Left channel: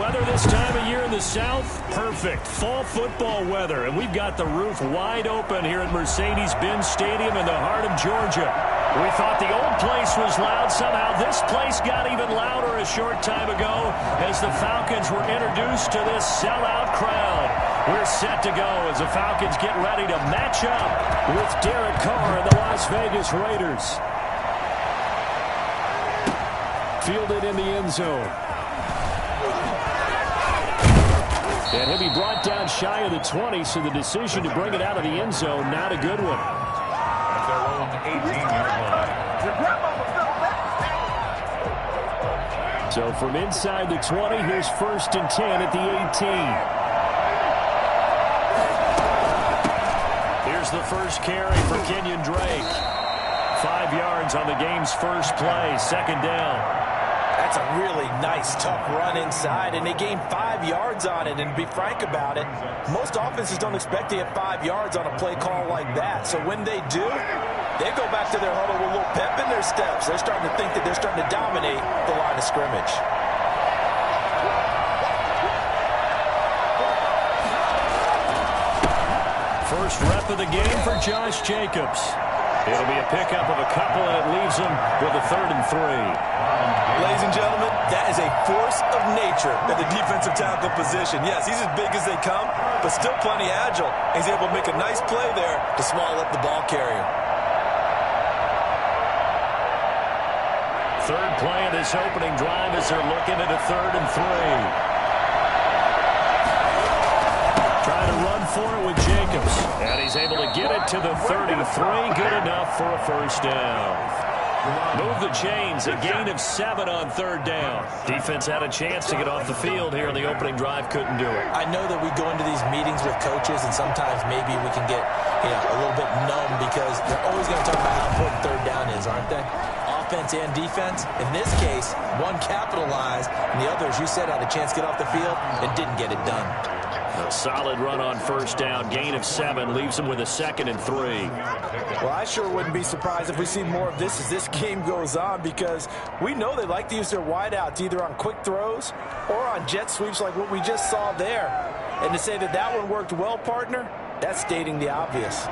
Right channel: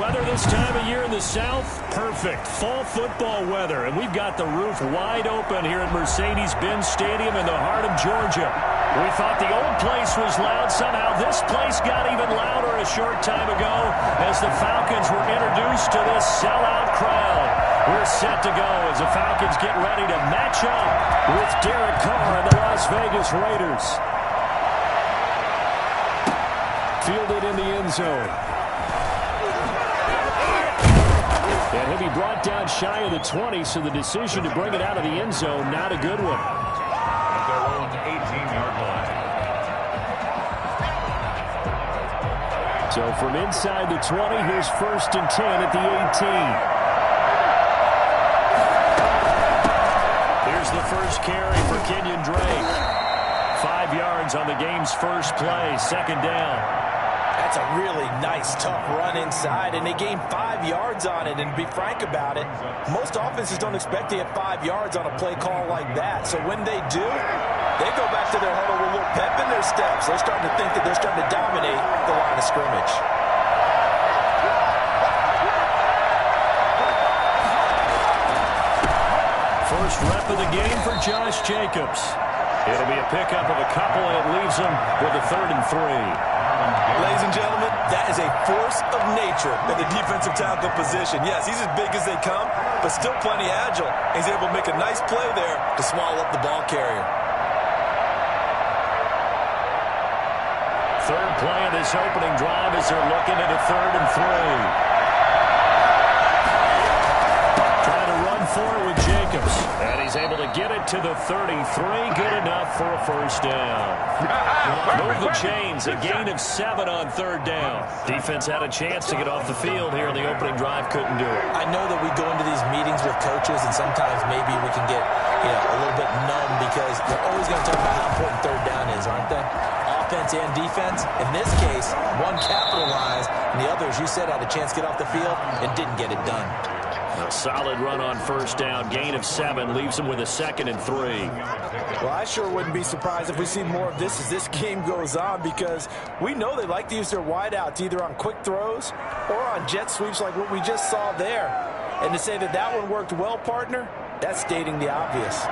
weather this time of year in the South? Perfect. Fall football weather. And we've got the roof wide open here at Mercedes-Benz Stadium in the heart of Georgia. We thought the old place was loud. Somehow this place got even louder a short time ago as the Falcons were introduced to this sellout crowd. We're set to go as the Falcons get ready to match up with Derek Carr and the Las Vegas Raiders. Fielded in the end zone. And he'll be brought down shy of the 20, so the decision to bring it out of the end zone, not a good one. At their own 18-yard line. So from inside the 20, here's 1st and 10 at the 18. Here's the first carry for Kenyon Drake. 5 yards on the game's first play, 2nd down. That's a really nice, tough run inside, and they gained 5 yards on it. And to be frank about it, most offenses don't expect to get 5 yards on a play call like that. So when they do, they go back to their huddle with a little pep in their steps. They're starting to think that they're starting to dominate the line of scrimmage. First rep of the game for Josh Jacobs. It'll be a pickup of a couple, and it leaves him with a 3rd and 3. Ladies and gentlemen, that is a force of nature at the defensive tackle position. Yes, he's as big as they come, but still plenty agile. He's able to make a nice play there to swallow up the ball carrier. Third play of this opening drive as they're looking at a 3rd and 3. Trying to run for it with Jacobs. And he's able to get it to the 33. Good enough for a 1st down. Move the chains. A gain of 7 on 3rd down. Defense had a chance to get off the field here in the opening drive. Couldn't do it. I know that we go into these meetings with coaches, and sometimes maybe we can get a little bit numb because they're always going to talk about how important 3rd down is, aren't they? Offense and defense. In this case, one capitalized, and the other, as you said, had a chance to get off the field and didn't get it done. A solid run on 1st down. Gain of 7 leaves him with a 2nd and 3. Well, I sure wouldn't be surprised if we see more of this as this game goes on, because we know they like to use their wideouts either on quick throws or on jet sweeps like what we just saw there. And to say that that one worked well, partner, that's stating the obvious.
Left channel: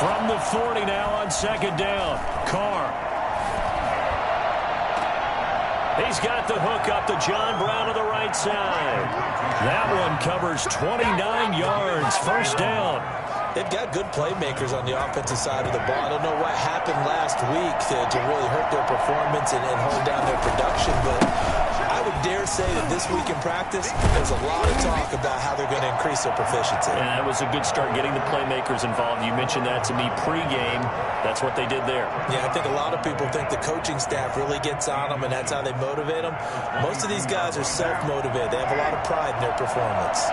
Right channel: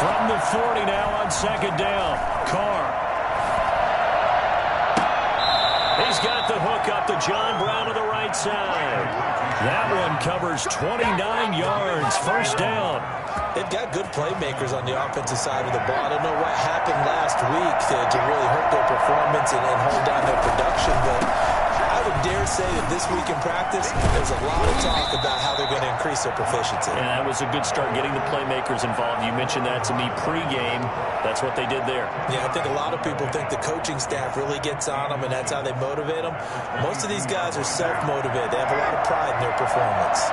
From the 40 now on 2nd down. Carr. He's got the hook up to John Brown to the right side. That one covers 29 yards. 1st down. They've got good playmakers on the offensive side of the ball. I don't know what happened last week to really hurt their performance and hold down their production, but I would dare say that this week in practice, there's a lot of talk about how they're going to increase their proficiency. And that was a good start, getting the playmakers involved. You mentioned that to me pregame. That's what they did there. Yeah, I think a lot of people think the coaching staff really gets on them, and that's how they motivate them. Most of these guys are self-motivated. They have a lot of pride in their performance.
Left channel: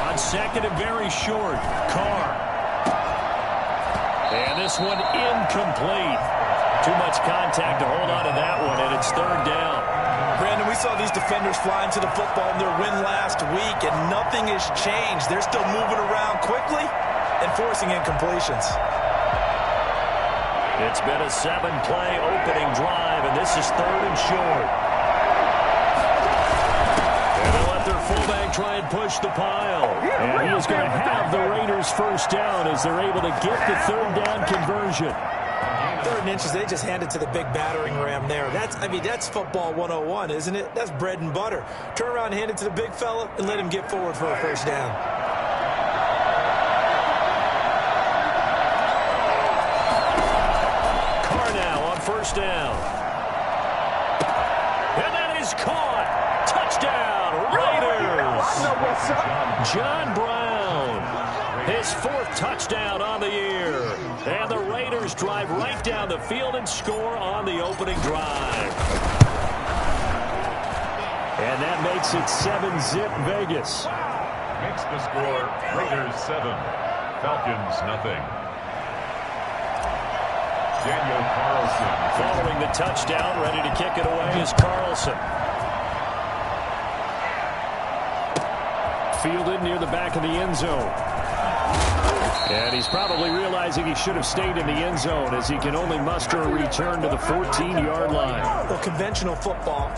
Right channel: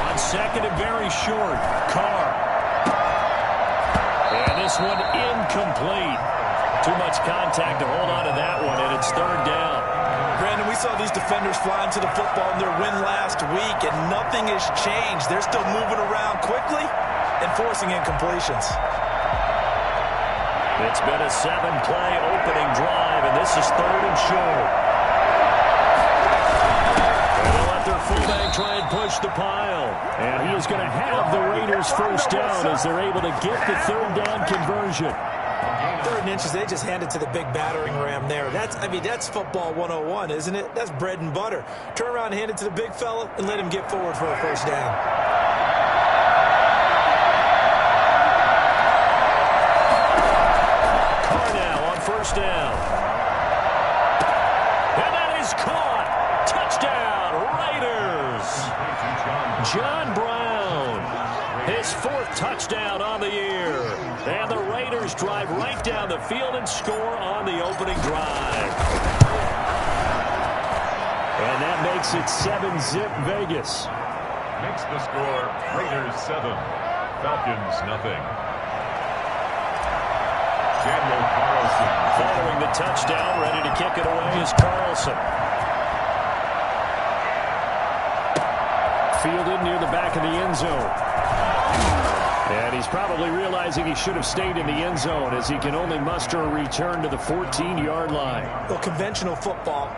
On 2nd and very short, Carr. And this one incomplete. Too much contact to hold on to that one, and it's 3rd down. Brandon, we saw these defenders fly into the football in their win last week, and nothing has changed. They're still moving around quickly and forcing incompletions. It's been a 7-play opening drive, and this is 3rd and short. And they'll let their fullback try and push the pile. And he is going to have the Raiders 1st down as they're able to get the 3rd down conversion. 3rd and inches, they just handed to the big battering ram there. That's football 101, isn't it? That's bread and butter. Turn around and hand it to the big fella and let him get forward for a 1st down. Carr now on 1st down. And that is caught. Touchdown, Raiders. John Brown. His 4th touchdown on the year. And the Raiders drive right down the field and score on the opening drive. And that makes it 7-zip Vegas. Makes the score Raiders 7, Falcons nothing. Daniel Carlson. Following the touchdown, ready to kick it away is Carlson. Fielded near the back of the end zone. And he's probably realizing he should have stayed in the end zone as he can only muster a return to the 14-yard line. Well, conventional football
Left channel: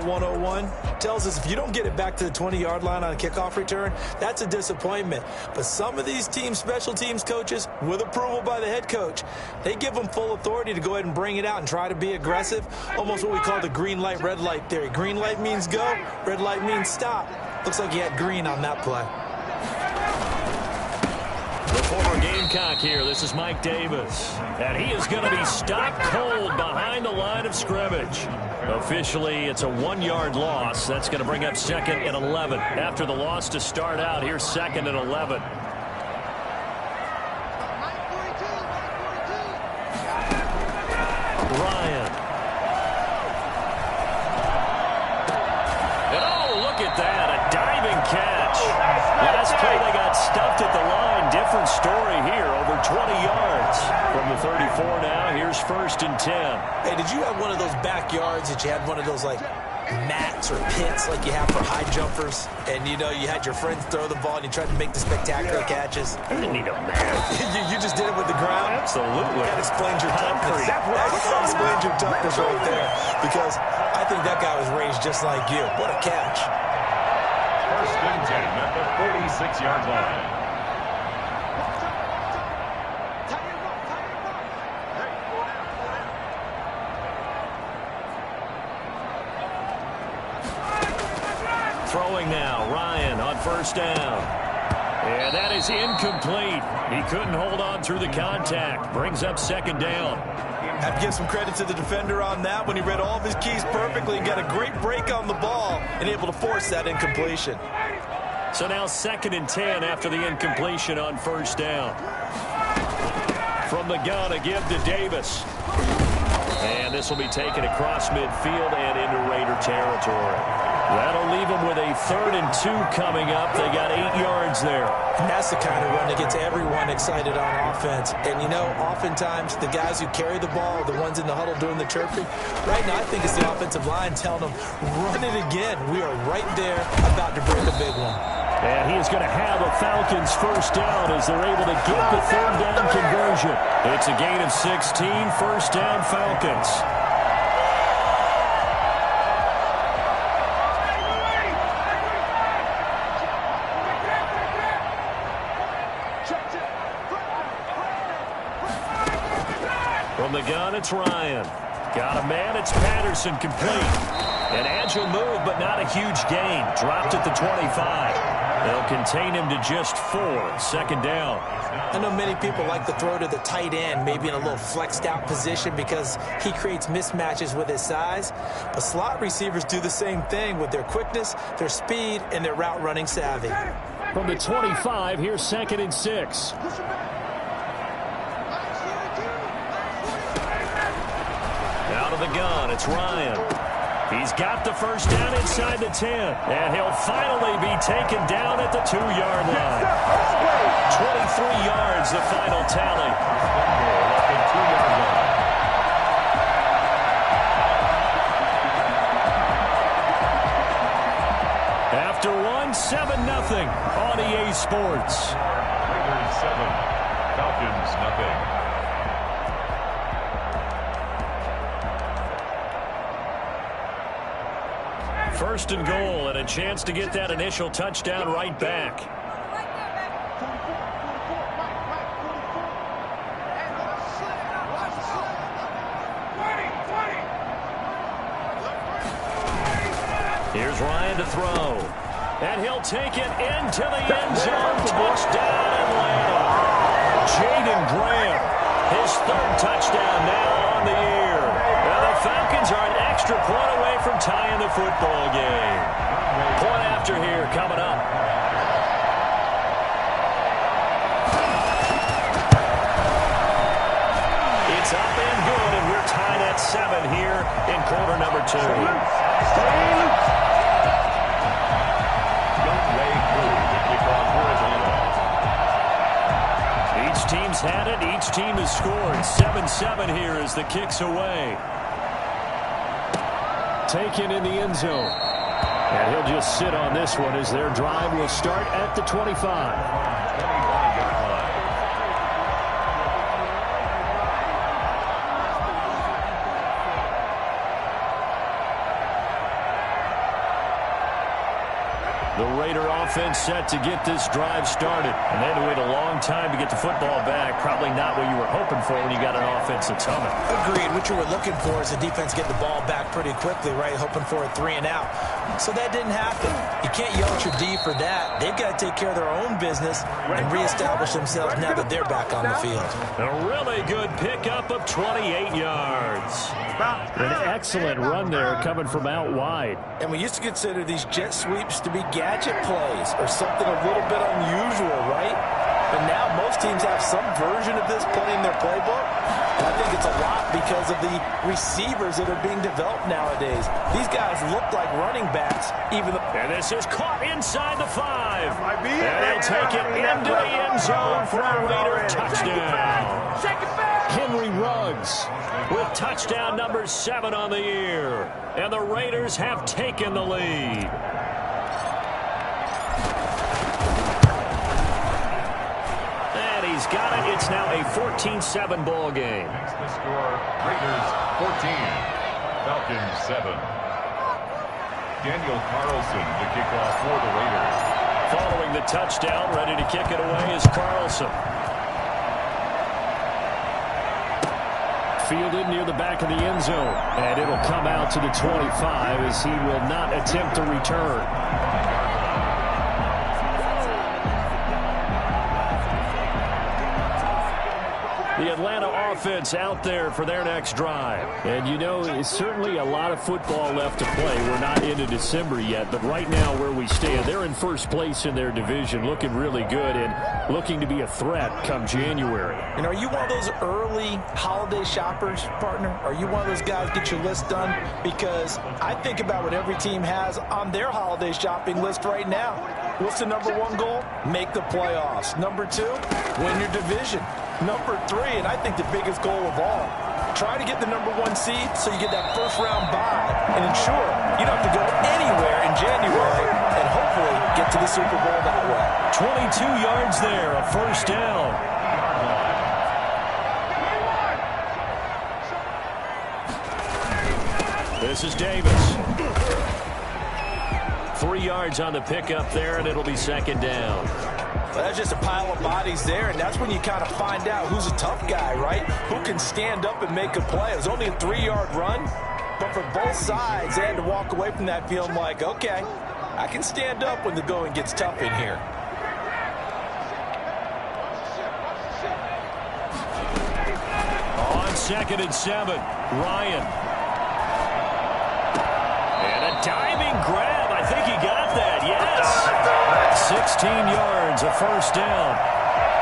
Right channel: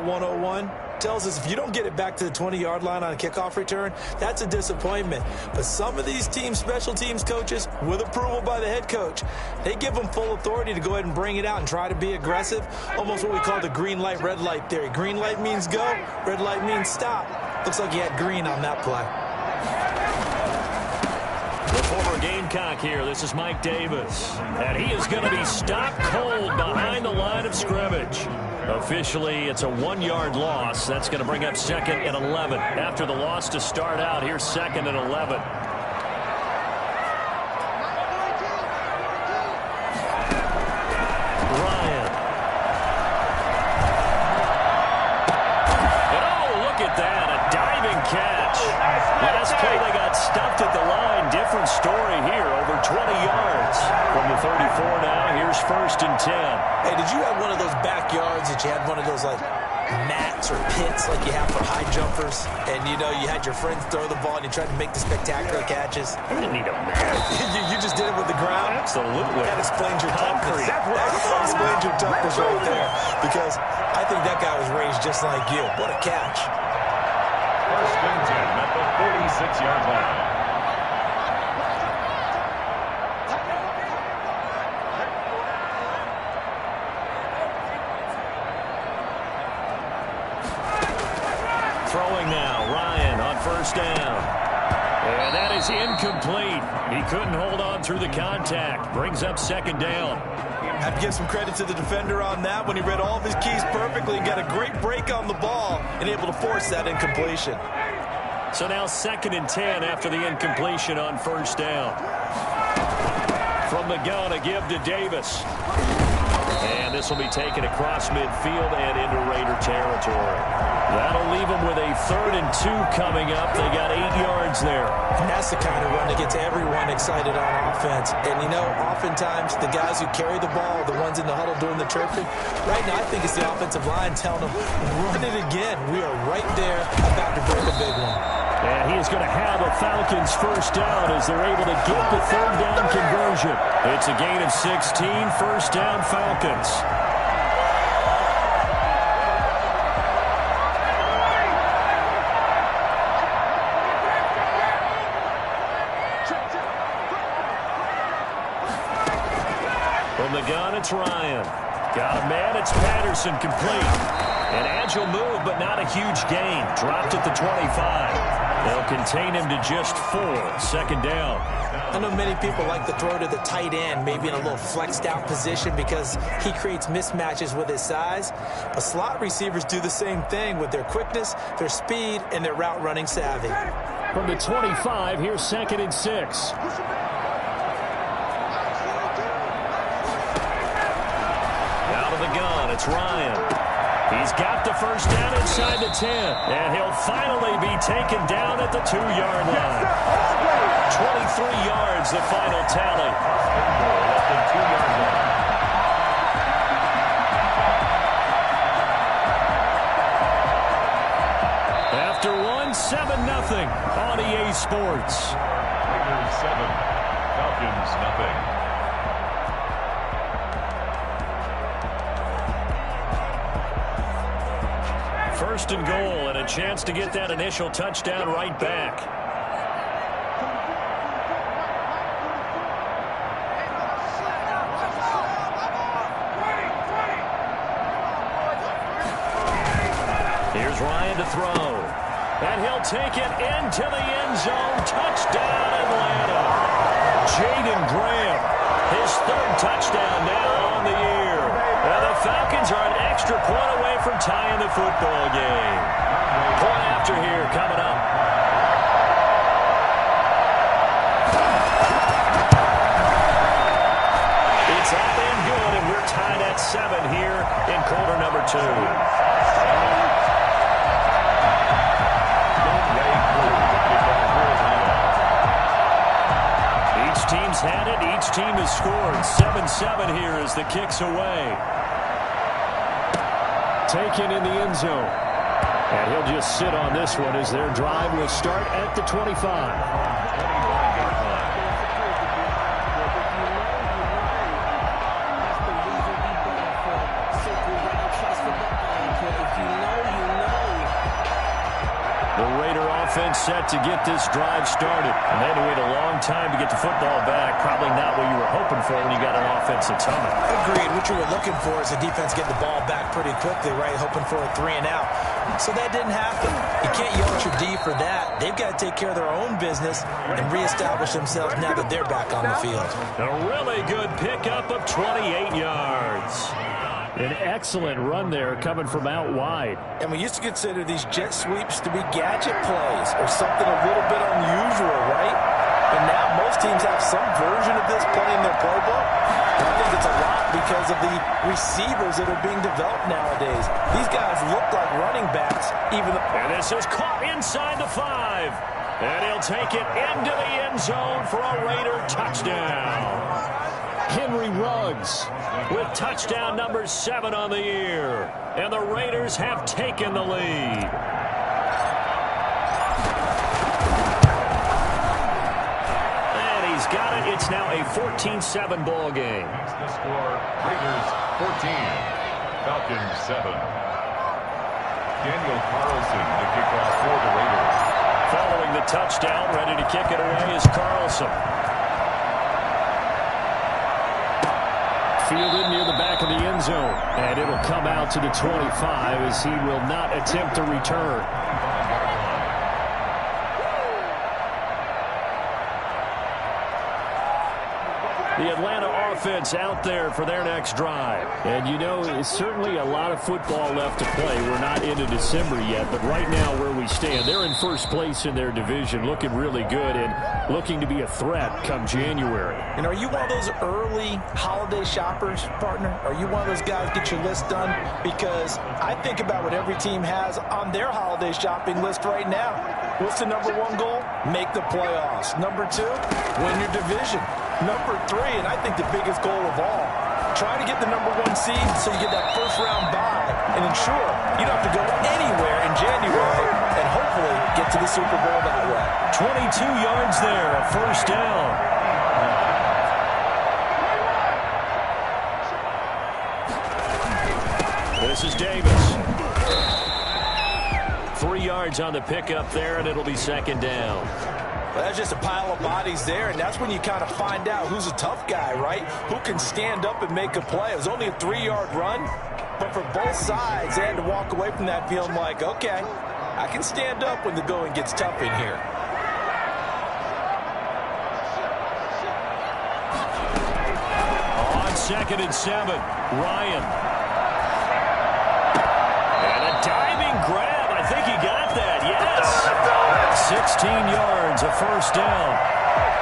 101, tells us if you don't get it back to the 20-yard line on a kickoff return, that's a disappointment. But some of these teams, special teams coaches, with approval by the head coach, they give them full authority to go ahead and bring it out and try to be aggressive, almost what we call the green light, red light theory. Green light means go, red light means stop. Looks like he had green on that play. The former Gamecock here. This is Mike Davis. And he is going to be stopped cold behind the line of scrimmage. Officially, it's a 1-yard loss. That's going to bring up 2nd and 11. After the loss to start out, here's 2nd and 11. Ryan. And oh, look at that. A diving catch. Last play they got stuffed at the line. Different story here. Over 20 yards from the 34 now. Here's 1st and 10. Hey, did you have one of those backyards that you had one of those, like, mats or pits like you have for high jumpers? And, you know, you had your friends throw the ball and you tried to make the spectacular catches? I didn't need a mat. you just did it with the ground? Absolutely. That explains your toughness. That explains your toughness right there. Because I think that guy was raised just like you. What a catch. 1st and 10 at the 46-yard line. Throwing now, Ryan on 1st down. And that is incomplete. He couldn't hold on through the contact. Brings up 2nd down. Have to give some credit to the defender on that when he read all of his keys perfectly and got a great break on the ball and able to force that incompletion. So now 2nd and 10 after the incompletion on 1st down. From the gun, a give to Davis. And this will be taken across midfield and into Raider territory. That'll leave them with a 3rd and 2 coming up. They got 8 yards there. And that's the kind of run that gets everyone excited on offense. And, you know, oftentimes the guys who carry the ball are the ones in the huddle doing the chirping. Right now, I think it's the offensive line telling them, run it again. We are right there about to break a big one. And he is going to have a Falcons 1st down as they're able to get the 3rd down conversion. It's a gain of 16, 1st down Falcons. From the gun, it's Ryan. Got a man, it's Patterson, complete. An agile move, but not a huge gain. Dropped at the 25. They'll contain him to just 4. 2nd down. I know many people like to throw to the tight end, maybe in a little flexed out position because he creates mismatches with his size. But slot receivers do the same thing with their quickness, their speed, and their route running savvy. From the 25, here's 2nd and 6. Out of the gun, it's Ryan. He's got the 1st down inside the 10. And he'll finally be taken down at the 2-yard line. 23 yards, the final tally. At the 2-yard line. After one, 7-0 on EA Sports. Raiders 7, Falcons nothing. 1st and goal and a chance to get that initial touchdown right back. Here's Ryan to throw. And he'll take it into the end zone. Touchdown, Atlanta. Jaden Graham, his 3rd touchdown now on the year. Now the Falcons are an extra point away from tying the football game. Point after here coming up. It's up and good, and we're tied at 7 here in quarter number 2. Each team's had it. Each team has scored. 7-7 here as the kick's away. Taken in the end zone. And he'll just sit on this one as their drive will start at the 25. 25-yard line. Raider offense set to get this drive started. And they had to wait a long time to get the football back. Probably not what you were hoping for when you got an offense that's humming. Agreed. What you were looking for is the defense getting the ball back pretty quickly, right? Hoping for a 3-and-out. So that didn't happen. You can't yell at your D for that. They've got to take care of their own business and reestablish themselves now that they're back on the field. A really good pickup of 28 yards. An excellent run there coming from out wide. And we used to consider these jet sweeps to be gadget plays or something a little bit unusual, right? But now most teams have some version of this play in their playbook. And I think it's a lot because of the receivers that are being developed nowadays. These guys look like running backs. And this is caught inside the 5. And he'll take it into the end zone for a Raider touchdown. Henry Ruggs with touchdown number 7 on the year. And the Raiders have taken the lead. And he's got it. It's now a 14-7 ball game. That's the score. Raiders 14, Falcons 7. Daniel Carlson to kick off for the Raiders. Following the touchdown, ready to kick it away is Carlson. Fielded near the back of the end zone. And it'll come out to the 25 as he will not attempt to return. The Atlanta offense out there for their next drive. And, you know, it's certainly a lot of football left to play. We're not into December yet, but right now where we stand, they're in first place in their division, looking really good and looking to be a threat come January. And are you one of those early holiday shoppers, partner? Are you one of those guys get your list done? Because I think about what every team has on their holiday shopping list right now. What's the number 1 goal? Make the playoffs. Number 2, win your division. Number 3, and I think the biggest goal of all, try to get the number 1 seed so you get that first-round bye and ensure you don't have to go anywhere in January and hopefully get to the Super Bowl that way. 22 yards there, a first down. This is Davis. 3 yards on the pickup there, and it'll be second down. Well, that's just a pile of bodies there, and that's when you kind of find out who's a tough guy, right? Who can stand up and make a play. It was only a 3-yard run, but for both sides, they had to walk away from that feeling like, okay, I can stand up when the going gets tough in here. On 2nd and 7, Ryan. And a diving grab. I think he got that, yes. 16 yards, a first down.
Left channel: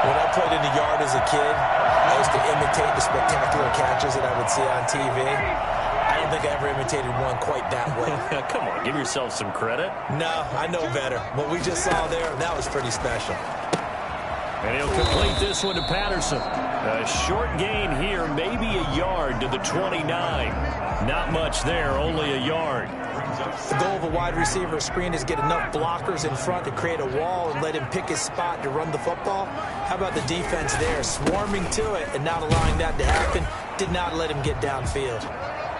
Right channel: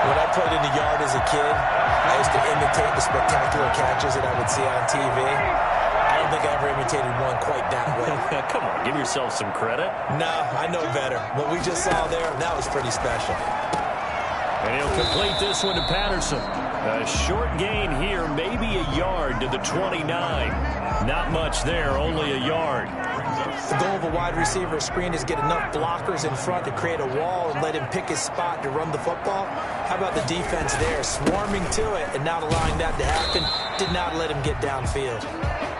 When I played in the yard as a kid, I used to imitate the spectacular catches that I would see on TV. I don't think I ever imitated one quite that well. Come on, give yourself some credit. No, I know better. What we just saw there, that was pretty special. And he'll complete this one to Patterson. A short gain here, maybe a yard to the 29. Not much there, only a yard. The goal of a wide receiver screen is get enough blockers in front to create a wall and let him pick his spot to run the football. How about the defense there, swarming to it and not allowing that to happen? Did not let him get downfield.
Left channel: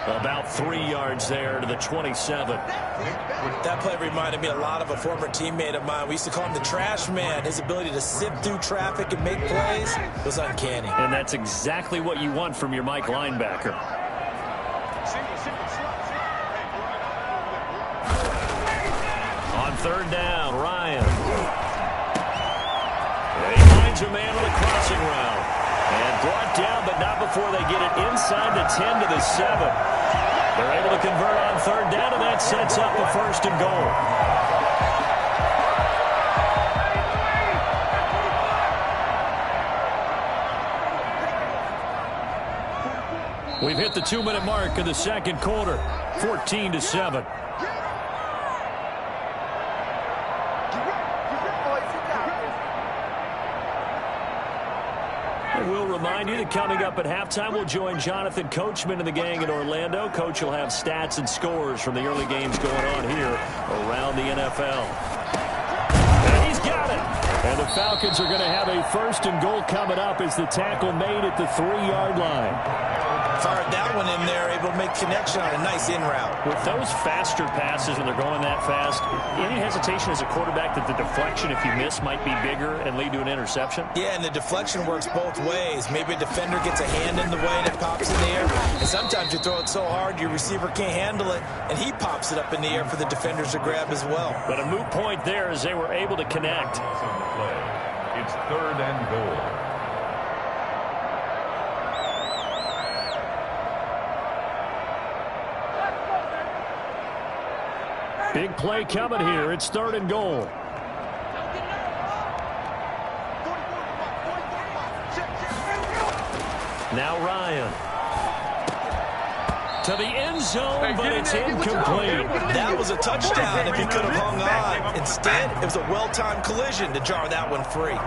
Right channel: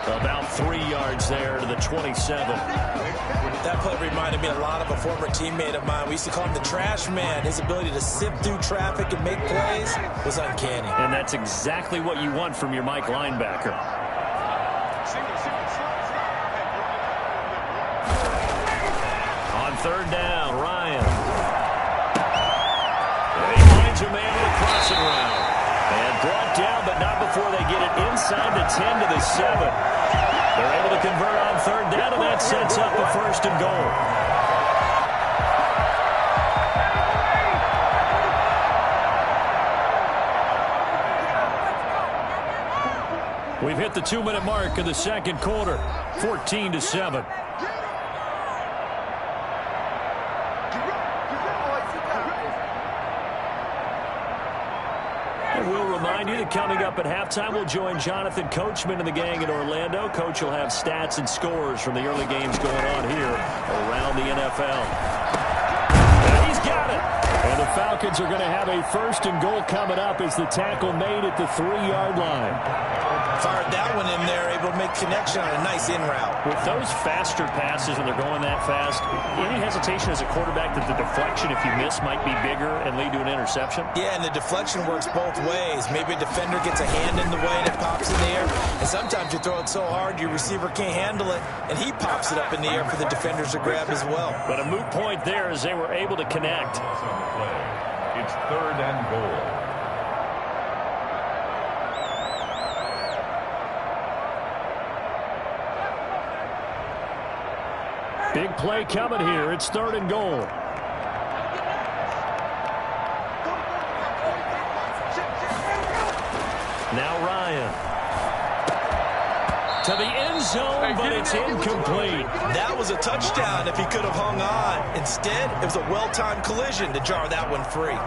About 3 yards there to the 27. That play reminded me a lot of a former teammate of mine. We used to call him the trash man. His ability to sift through traffic and make plays was uncanny. And that's exactly what you want from your Mike linebacker. On 3rd down, Ryan. And he finds a man with a crossing route. And brought down, but not before they get it inside the 10 to the 7. They're able to convert on 3rd down, and that sets up a 1st and goal. We've hit the 2-minute mark of the 2nd quarter, 14-7. We'll remind you that coming up at halftime, we'll join Jonathan Coachman and the gang in Orlando. Coach will have stats and scores from the early games going on here around the NFL. And he's got it. And the Falcons are going to have a 1st and goal coming up as the tackle made at the 3-yard line. Fired that one in there, able to make connection on a nice in route. With those faster passes and they're going that fast, any hesitation as a quarterback that the deflection, if you miss, might be bigger and lead to an interception? Yeah, and the deflection works both ways. Maybe a defender gets a hand in the way and it pops in the air. And sometimes you throw it so hard your receiver can't handle it, and he pops it up in the air for the defenders to grab as well. But a moot point there as they were able to connect. It's 3rd and goal. Big play coming here. It's 3rd and goal. Now Ryan. To the end zone, but it's incomplete. That was a touchdown if he could have hung on. Instead, it was a well-timed collision to jar that one free.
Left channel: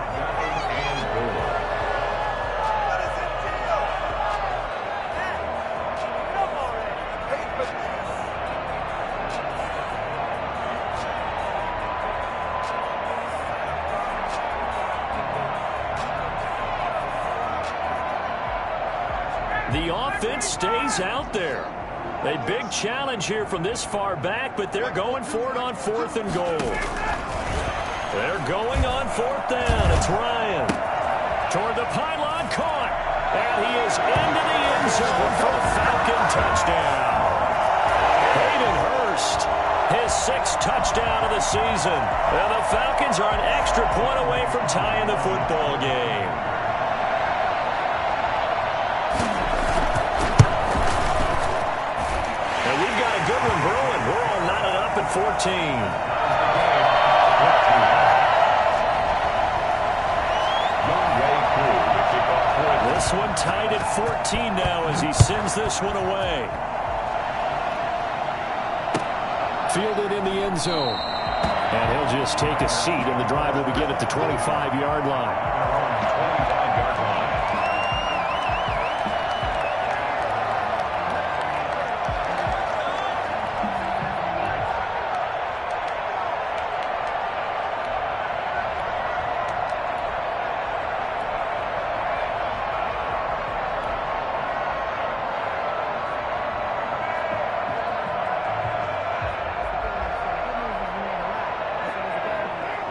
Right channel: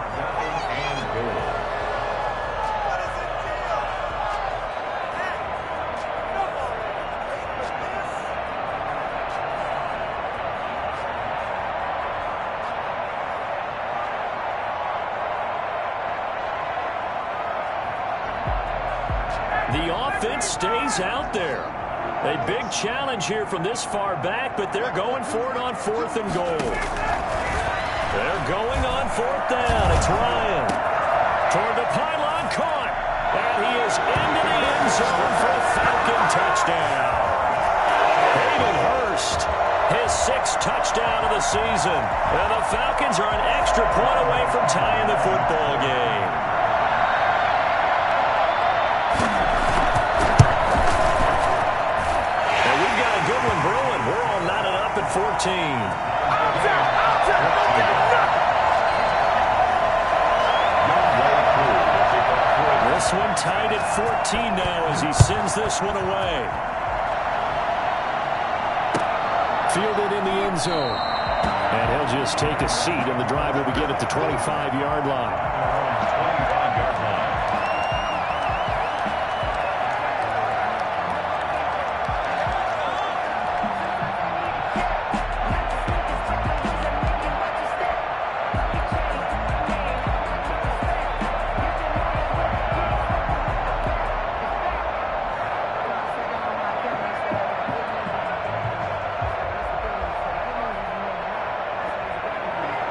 The offense stays out there. A big challenge here from this far back, but they're going for it on 4th and goal. They're going on 4th down. It's Ryan. Toward the pylon, caught. And he is into the end zone for a Falcon touchdown. Hayden Hurst, his 6th touchdown of the season. And the Falcons are an extra point away from tying the football game. And we've got a good one brewing. We're all knotted up at 14. This one tied at 14 now as he sends this one away. Fielded in the end zone. And he'll just take a seat, and the drive will begin at the 25-yard line. 25-yard line.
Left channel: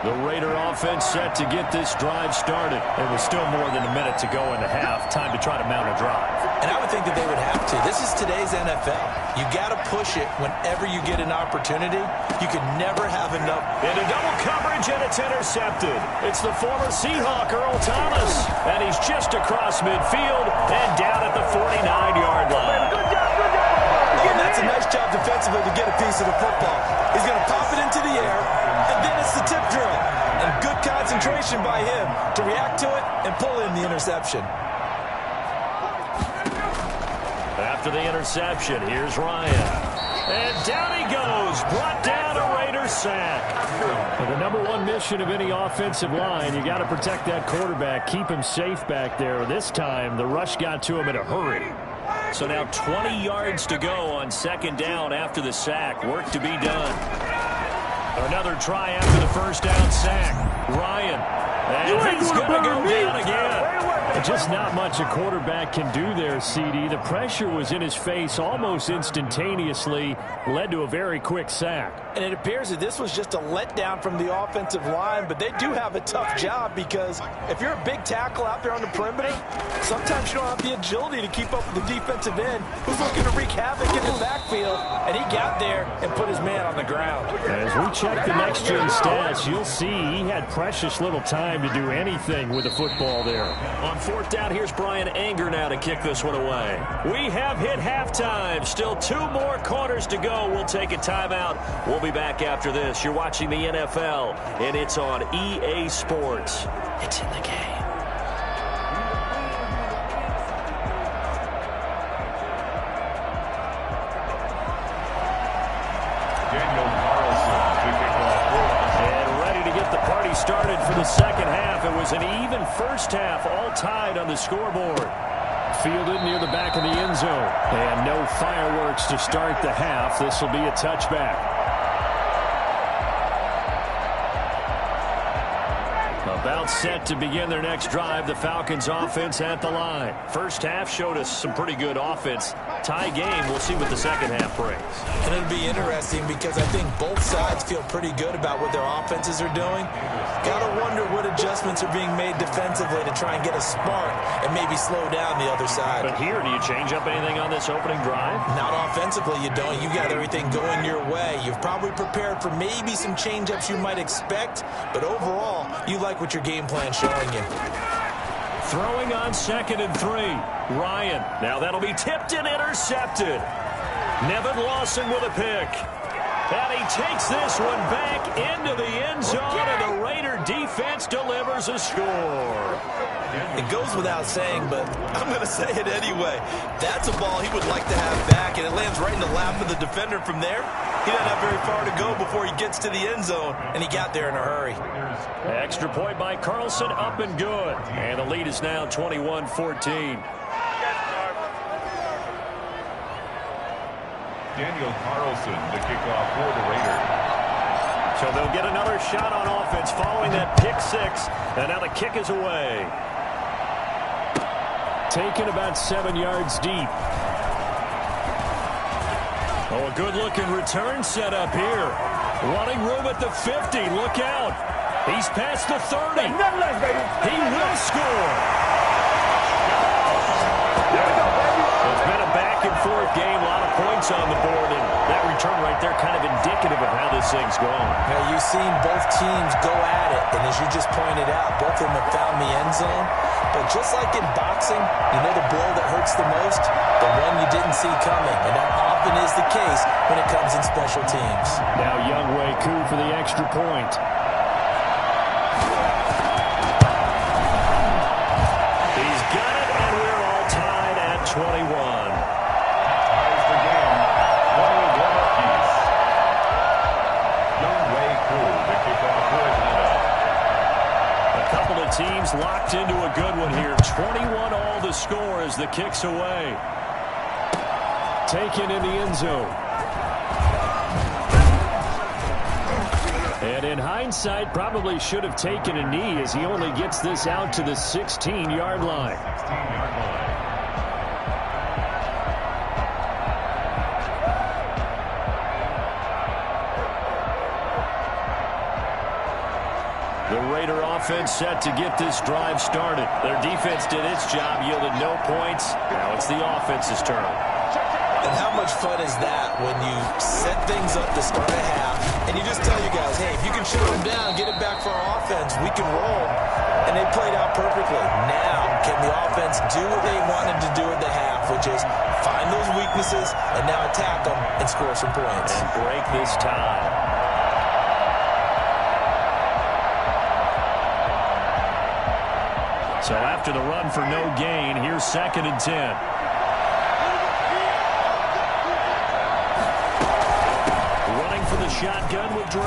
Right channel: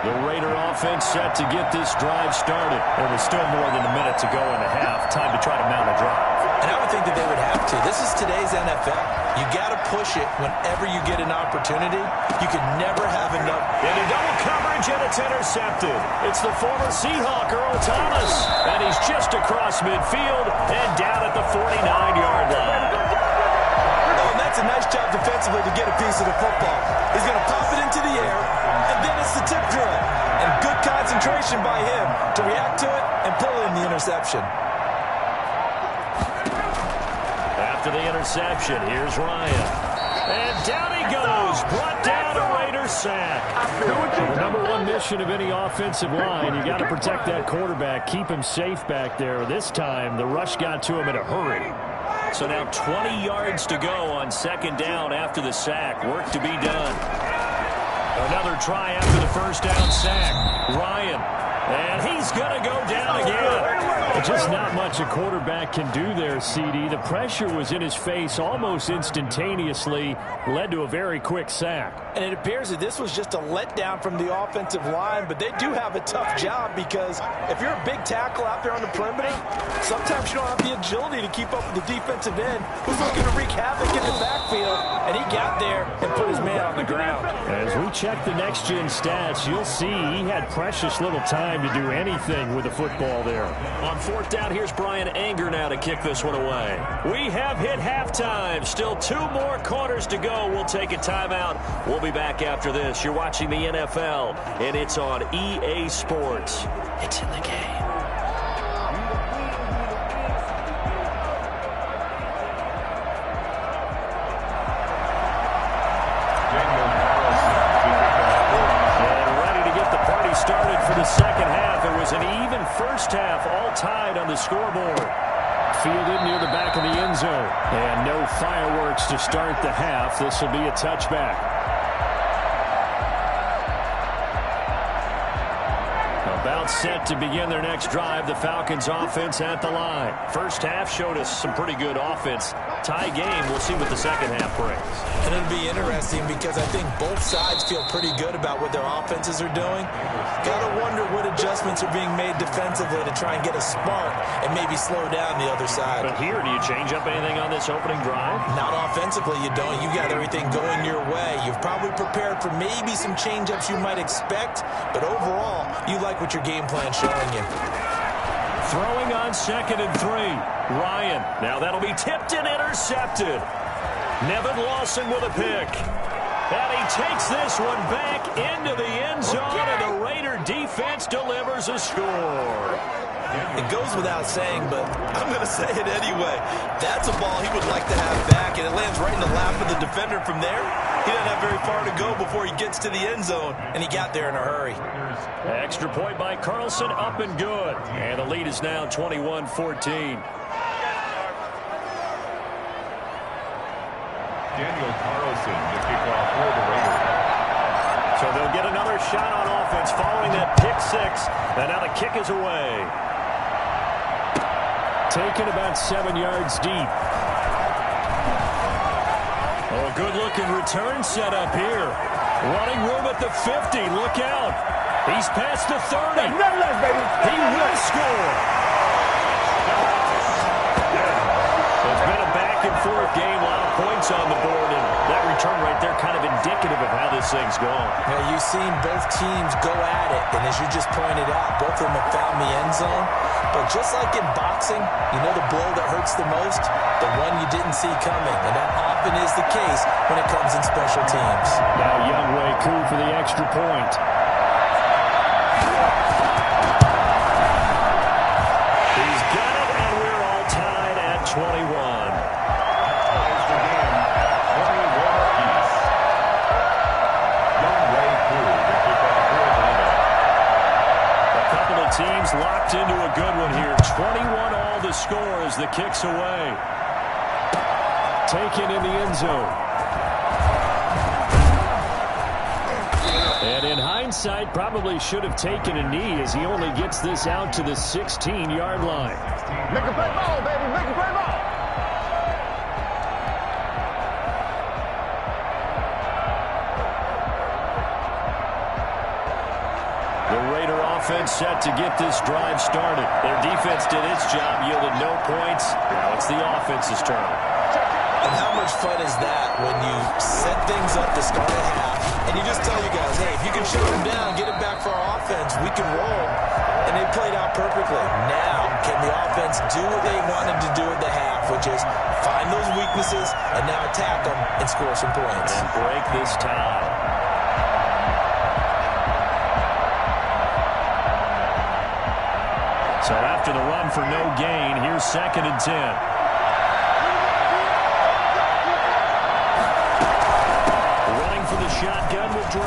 The Raider offense set to get this drive started. There was still more than a minute to go in the half. Time to try to mount a drive. And I would think that they would have to. This is today's NFL. You got to push it whenever you get an opportunity. You can never have enough. Into double coverage, and it's intercepted. It's the former Seahawk, Earl Thomas. And he's just across midfield and down at the 49-yard line. Oh, and that's a nice job defensively to get a piece of the football. He's going to pop it into the air, and then it's the tip drill. And good concentration by him to react to it and pull in the interception. After the interception, here's Ryan. And down he goes, brought down a Raider sack. So the #1 mission of any offensive line, you got to protect that quarterback, keep him safe back there. This time, the rush got to him in a hurry. So now 20 yards to go on 2nd down after the sack. Work to be done. Another try after the 1st down sack. Ryan. And he's going to go down again. Just not much a quarterback can do there, CD. The pressure was in his face almost instantaneously, led to a very quick sack. And it appears that this was just a letdown from the offensive line, but they do have a tough job because if you're a big tackle out there on the perimeter, sometimes you don't have the agility to keep up with the defensive end who's looking to wreak havoc in the backfield, and he got there and put his man on the ground. As we check the next-gen stats, you'll see he had precious little time to do anything with the football there. On 4th down, here's Brian Anger now to kick this one away. We have hit halftime. Still 2 more quarters to go. We'll take a timeout. We'll be back after this. You're watching the NFL, and it's on EA Sports. It's in the game. Started for the 2nd half. It was an even 1st half, all tied on the scoreboard. Fielded near the back of the end zone. And no fireworks to start the half. This will be a touchback. A About set to begin their next drive. The Falcons offense at the line. First half showed us some pretty good offense. Tie game. We'll see what the second half brings. And it'll be interesting because I think both sides feel pretty good about what their offenses are doing. Got to wonder what adjustments are being made defensively to try and get a spark and maybe slow down the other side. But here, do you change up anything on this opening drive? Not offensively, you don't. You got everything going your way. You've probably prepared for maybe some change-ups you might expect, but overall, you like what your game plan's showing you. Throwing on 2nd and 3. Ryan. Now that'll be tipped and intercepted. Nevin Lawson with a pick. And he takes this one back into the end zone, and the Raider defense delivers a score. It goes without saying, but I'm going to say it anyway. That's a ball he would like to have back, and it lands right in the lap of the defender from there. He doesn't have very far to go before he gets to the end zone, and he got there in a hurry. Extra point by Carlson, up and good. And the lead is now 21-14. Daniel Carlson to kick off for the Raiders. So they'll get another shot on offense following that pick six. And now the kick is away. Taken about 7 yards deep. Oh, a good-looking return set up here. Running room at the 50. Look out. He's past the 30. He will score. It's been a back-and-forth game. A lot of points on the board. And that return right there kind of indicative of how this thing's gone. Now, you've seen both teams go at it. And as you just pointed out, both of them have found the end zone. But just like in boxing, you know the blow that hurts the most? The one you didn't see coming. And that often is the case when it comes in special teams. Now Younghoe Koo for the extra point. He's got it, and we're all tied at 21. Ties the game at 21 apiece. Younghoe Koo to kick off for Atlanta. A couple of teams locked into a good one here. 21 all the score as the kick's away. Taken in the end zone. And in hindsight, probably should have taken a knee as he only gets this out to the 16-yard line. 16-yard line. The Raider offense set to get this drive started. Their defense did its job, yielded no points. Now it's the offense's turn. And how much fun is that when you set things up to start a half and you just tell you guys, hey, if you can shut them down, get it back for our offense, we can roll. And they played out perfectly. Now, can the offense do what they wanted to do at the half, which is find those weaknesses and now attack them and score some points. And break this tie. So after the run for no gain, here's 2nd and 10. For the shotgun with Dre.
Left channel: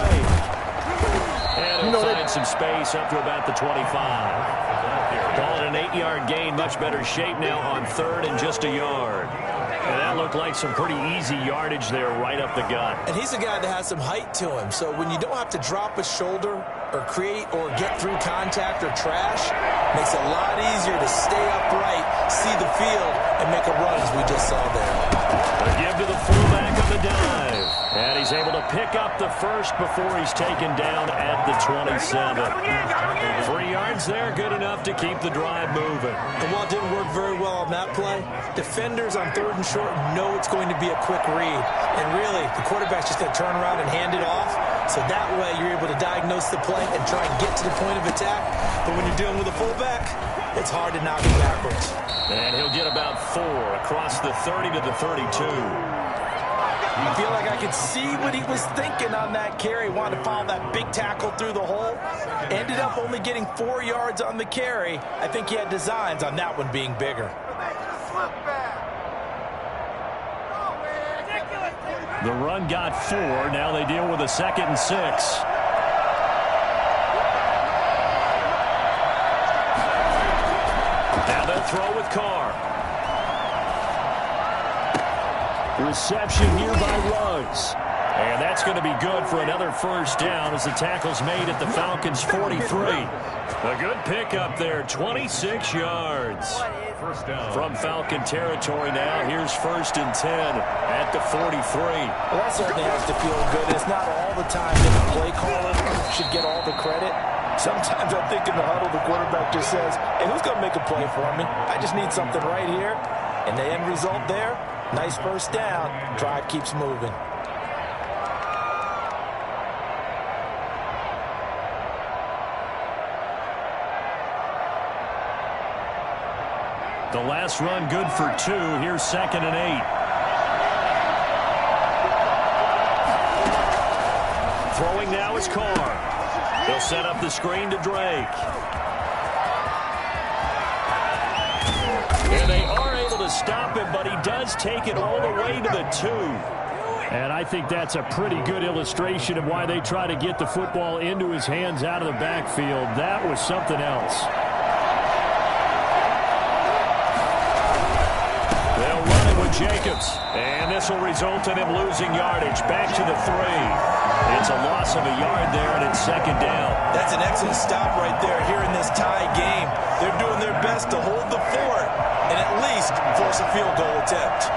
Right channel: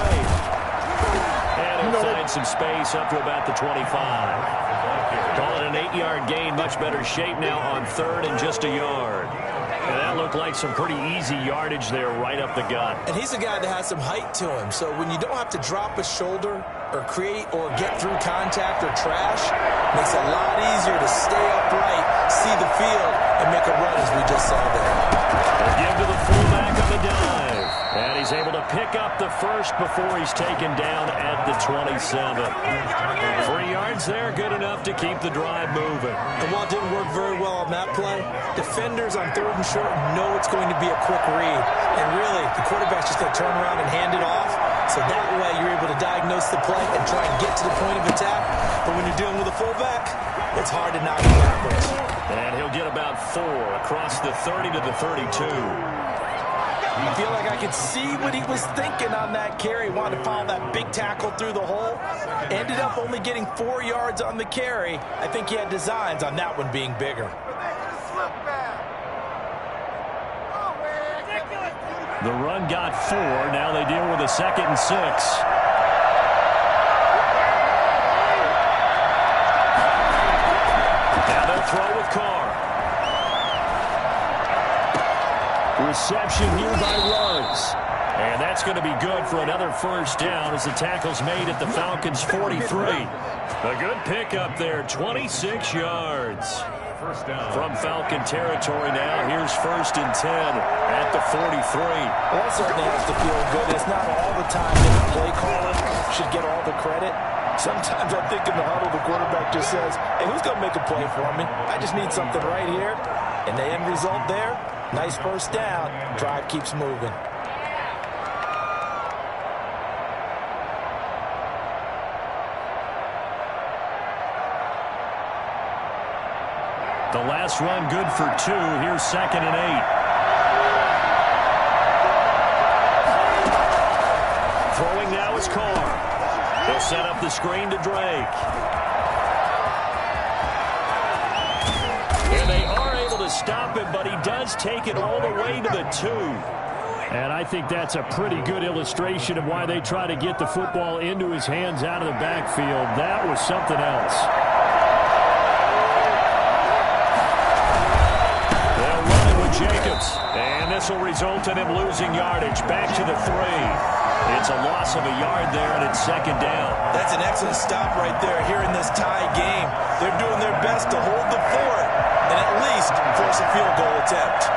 And he'll find some space up to about the 25. Call it an 8-yard gain. Much better shape now on 3rd and just a yard. And that looked like some pretty easy yardage there right up the gut. And he's a guy that has some height to him. So when you don't have to drop a shoulder or create or get through contact or trash, makes it a lot easier to stay upright, see the field, and make a run as we just saw there. A give to the fullback on the dive. And he's able to pick up the first before he's taken down at the 27. 3 yards there, good enough to keep the drive moving. And while it didn't work very well on that play, defenders on 3rd and short know it's going to be a quick read. And really, the quarterback's just going to turn around and hand it off. So that way you're able to diagnose the play and try and get to the point of attack. But when you're dealing with a fullback, it's hard to knock him backwards. And he'll get about 4 across the 30 to the 32. I feel like I could see what he was thinking on that carry. Wanted to follow that big tackle through the hole. Ended up only getting 4 yards on the carry. I think he had designs on that one being bigger. The run got 4. Now they deal with a 2nd and 6. Now they'll throw with Carr. Reception here by Ruggs. And that's going to be good for another first down as the tackle's made at the Falcons' 43. A good pickup there, 26 yards. First down. From Falcon territory now, here's 1st and 10 at the 43. Well, that certainly has to feel good. It's not all the time that the play caller should get all the credit. Sometimes I think in the huddle, the quarterback just says, hey, who's going to make a play for me? I just need something right here. And the end result there, nice first down. Drive keeps moving. The last run good for 2. Here's 2nd and 8. Throwing now is Carr. He'll set up the screen to Drake. And they are able to stop him, but he does take it all the way to the 2. And I think that's a pretty good illustration of why they try to get the football into his hands out of the backfield. That was something else. They'll run it with Jacobs. And this will result in him losing yardage. Back to the 3. It's a loss of a yard there, and it's 2nd down. That's an excellent stop right there here in this tie game. They're doing their best to hold the fort and at least force a field goal attempt.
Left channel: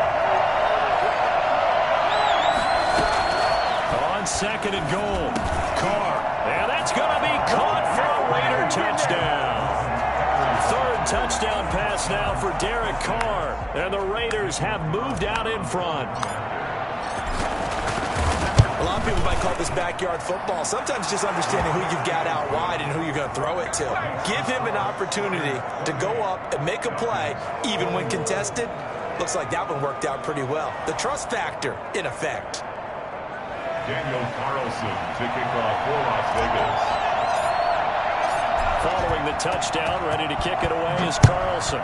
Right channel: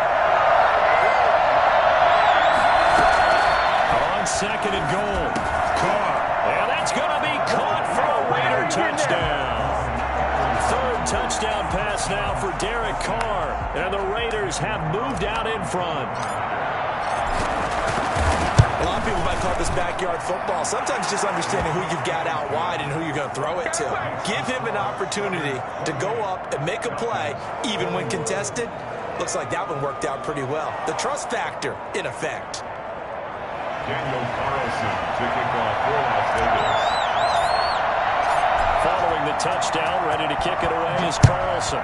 On 2nd and goal, Carr. And that's going to be caught for a Raider touchdown. 3rd touchdown pass now for Derek Carr. And the Raiders have moved out in front. A lot of people might call this backyard football. Sometimes just understanding who you've got out wide and who you're going to throw it to. Give him an opportunity to go up and make a play, even when contested. Looks like that one worked out pretty well. The trust factor, in effect. Daniel Carlson to kick off for Las Vegas. Following the touchdown, ready to kick it away is Carlson.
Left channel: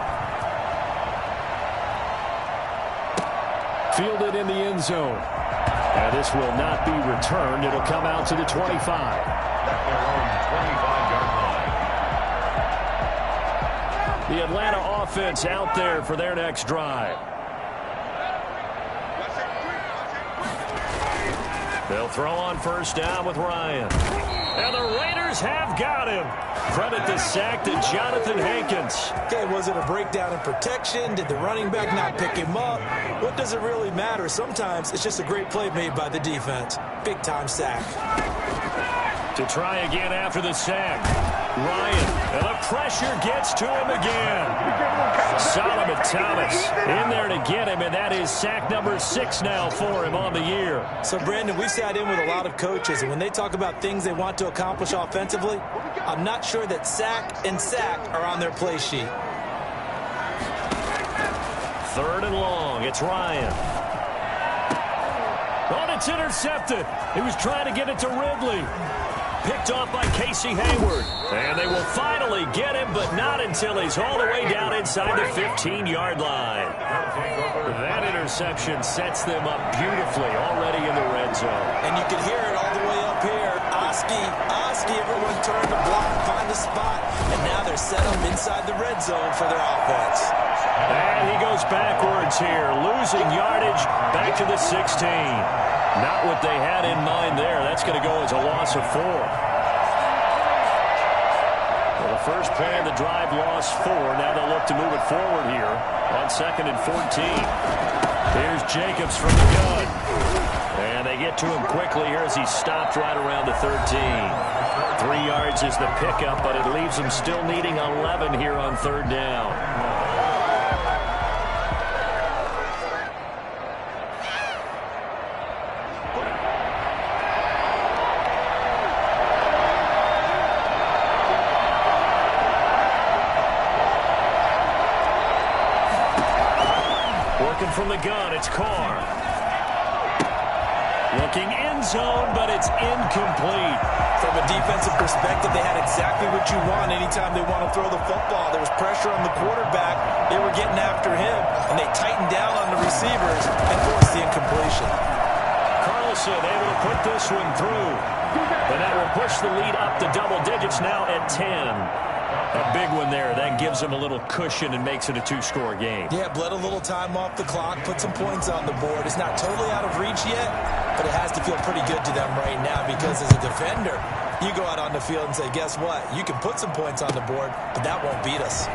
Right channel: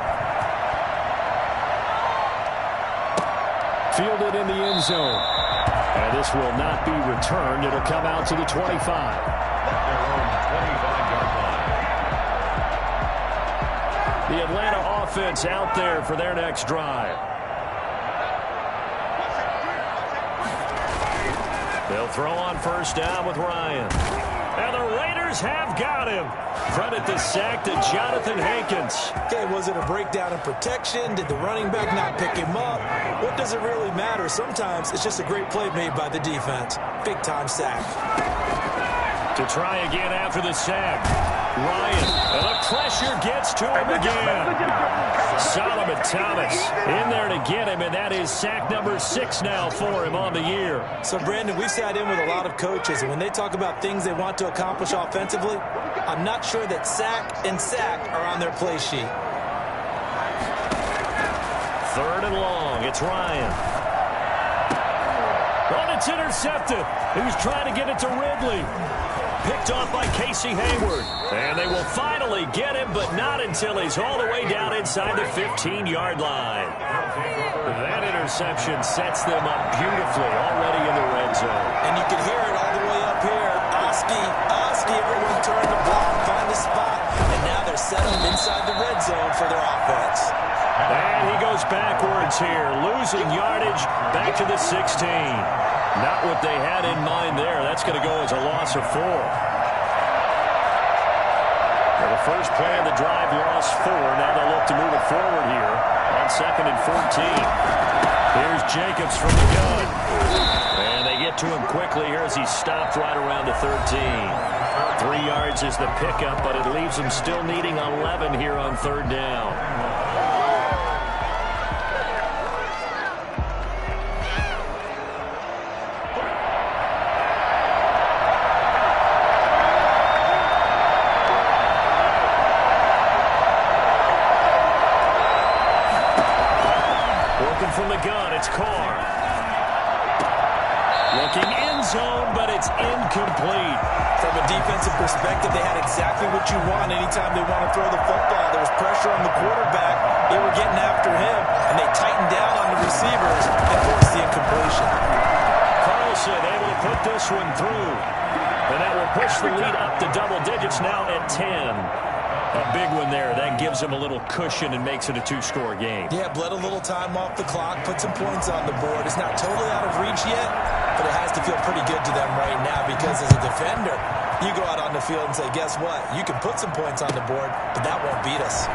Fielded in the end zone. And this will not be returned. It'll come out to the 25. At their own 25-yard line. The Atlanta offense out there for their next drive. They'll throw on first down with Ryan. And the Raiders have got him. Credit the sack to Jonathan Hankins. Okay, was it a breakdown in protection? Did the running back not pick him up? What does it really matter? Sometimes it's just a great play made by the defense. Big-time sack. To try again after the sack. Ryan, and the pressure gets to him again. Solomon Thomas in there to get him, and that is sack number 6 now for him on the year. So, Brandon, we sat in with a lot of coaches, and when they talk about things they want to accomplish offensively, I'm not sure that sack and sack are on their play sheet. 3rd and long. It's Ryan. Oh, it's intercepted. He was trying to get it to Ridley. Picked off by Casey Hayward. And they will finally get him, but not until he's all the way down inside the 15-yard line. That interception sets them up beautifully already in the red zone. And you can hear it all the way up here. Oski, everyone turn to block, find a spot. And now they're set up inside the red zone for their offense. And he goes backwards here, losing yardage back to the 16. Not what they had in mind there. That's going to go as a loss of 4. Well, the first play of the drive lost 4. Now they'll look to move it forward here on 2nd and 14. Here's Jacobs from the gun. And they get to him quickly here as he's stopped right around the 13. 3 yards is the pickup, but it leaves them still needing 11 here on 3rd down. From the gun, it's Carr. Looking end zone, but it's incomplete. From a defensive perspective, they had exactly what you want anytime they want to throw the football. There was pressure on the quarterback. They were getting after him, and they tightened down on the receivers and forced the incompletion. Carlson able to put this one through. And that will push the lead up to double digits now at 10. A big one there. That gives them a little cushion and makes it a two-score game. Yeah, bled a little time off the clock, put some points on the board. It's not totally out of reach yet, but it has to feel pretty good to them right now because as a defender, you go out on the field and say, guess what? You can put some points on the board, but that won't beat us.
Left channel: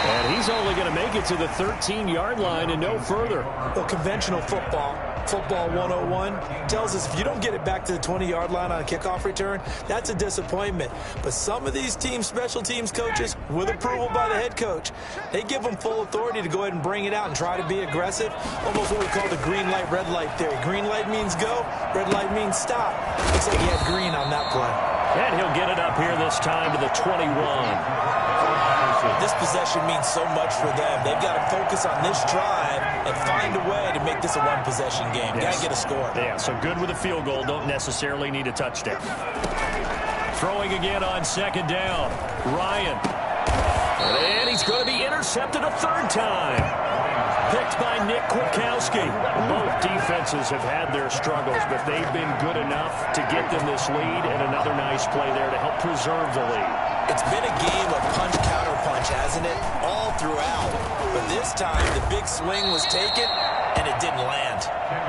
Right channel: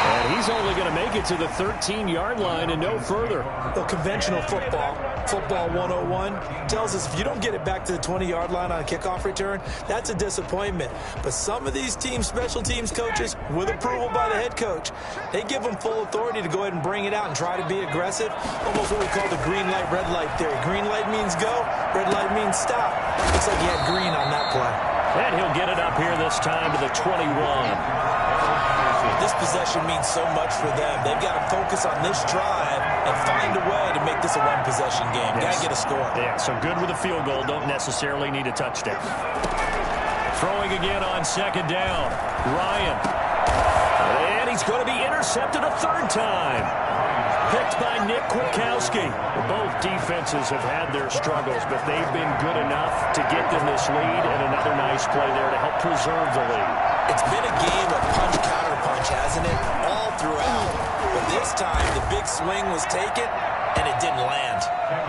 And he's only going to make it to the 13-yard line and no further. Well, conventional football 101, tells us if you don't get it back to the 20-yard line on a kickoff return, that's a disappointment. But some of these teams, special teams coaches, with approval by the head coach, they give them full authority to go ahead and bring it out and try to be aggressive. Almost what we call the green light, red light theory. Green light means go, red light means stop. Looks like he had green on that play. And he'll get it up here this time to the 21. This possession means so much for them. They've got to focus on this drive and find a way to make this a one-possession game. Yes. Got to get a score. Yeah, so good with a field goal. Don't necessarily need a touchdown. Throwing again on second down. Ryan. And he's going to be intercepted a third time. Picked by Nick Kwiatkowski. Both defenses have had their struggles, but they've been good enough to get them this lead, and another nice play there to help preserve the lead. It's been a game of punch-counter-punch, hasn't it? All throughout. But this time, the big swing was taken, and it didn't land.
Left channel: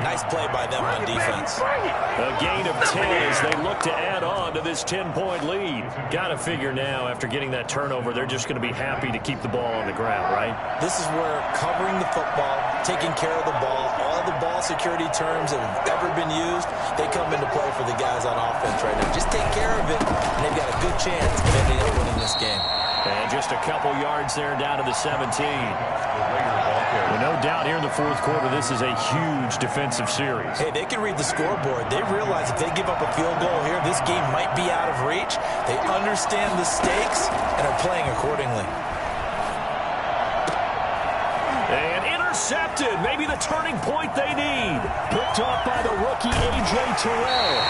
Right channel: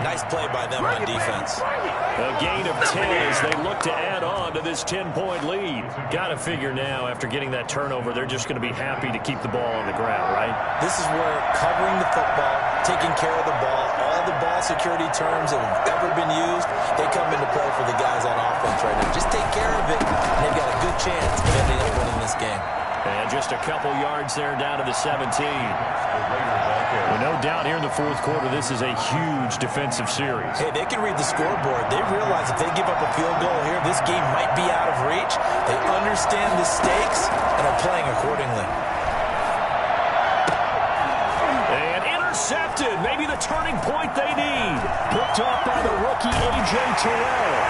Nice play by them on defense. A gain of 10 as they look to add on to this 10-point lead. Got to figure now, after getting that turnover, they're just going to be happy to keep the ball on the ground, right? This is where covering the football, taking care of the ball, all the ball security terms that have ever been used, they come into play for the guys on offense right now. Just take care of it, and they've got a good chance of ending up winning this game. And just a couple yards there down to the 17. Well, no doubt here in the fourth quarter, this is a huge defensive series. Hey, they can read the scoreboard. They realize if they give up a field goal here, this game might be out of reach. They understand the stakes and are playing accordingly. And intercepted. Maybe the turning point they need. Picked off by the rookie, A.J. Terrell.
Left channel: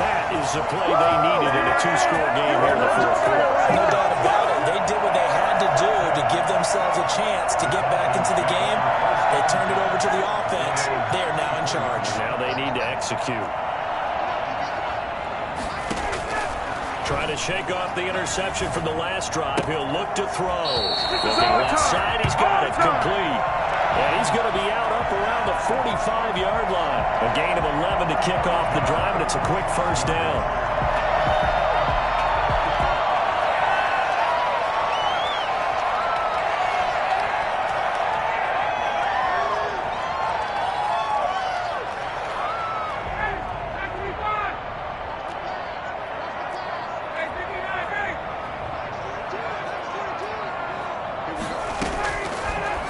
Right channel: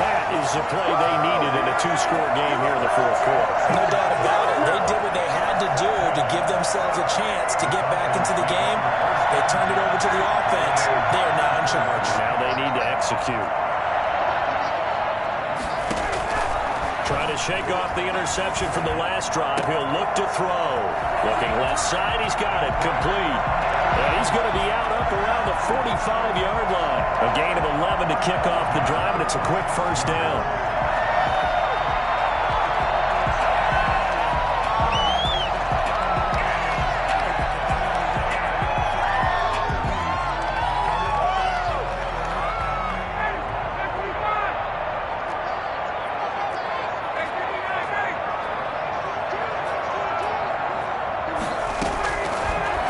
That is the play they needed in a two-score game here in the fourth quarter. No doubt about it. They did what they had to do to give themselves a chance to get back into the game. They turned it over to the offense. They are now in charge. Now they need to execute. Trying to shake off the interception from the last drive. He'll look to throw. Looking left side. He's got it. Complete. And he's going to be out up around the 45-yard line. A gain of 11 to kick off the drive, and it's a quick first down.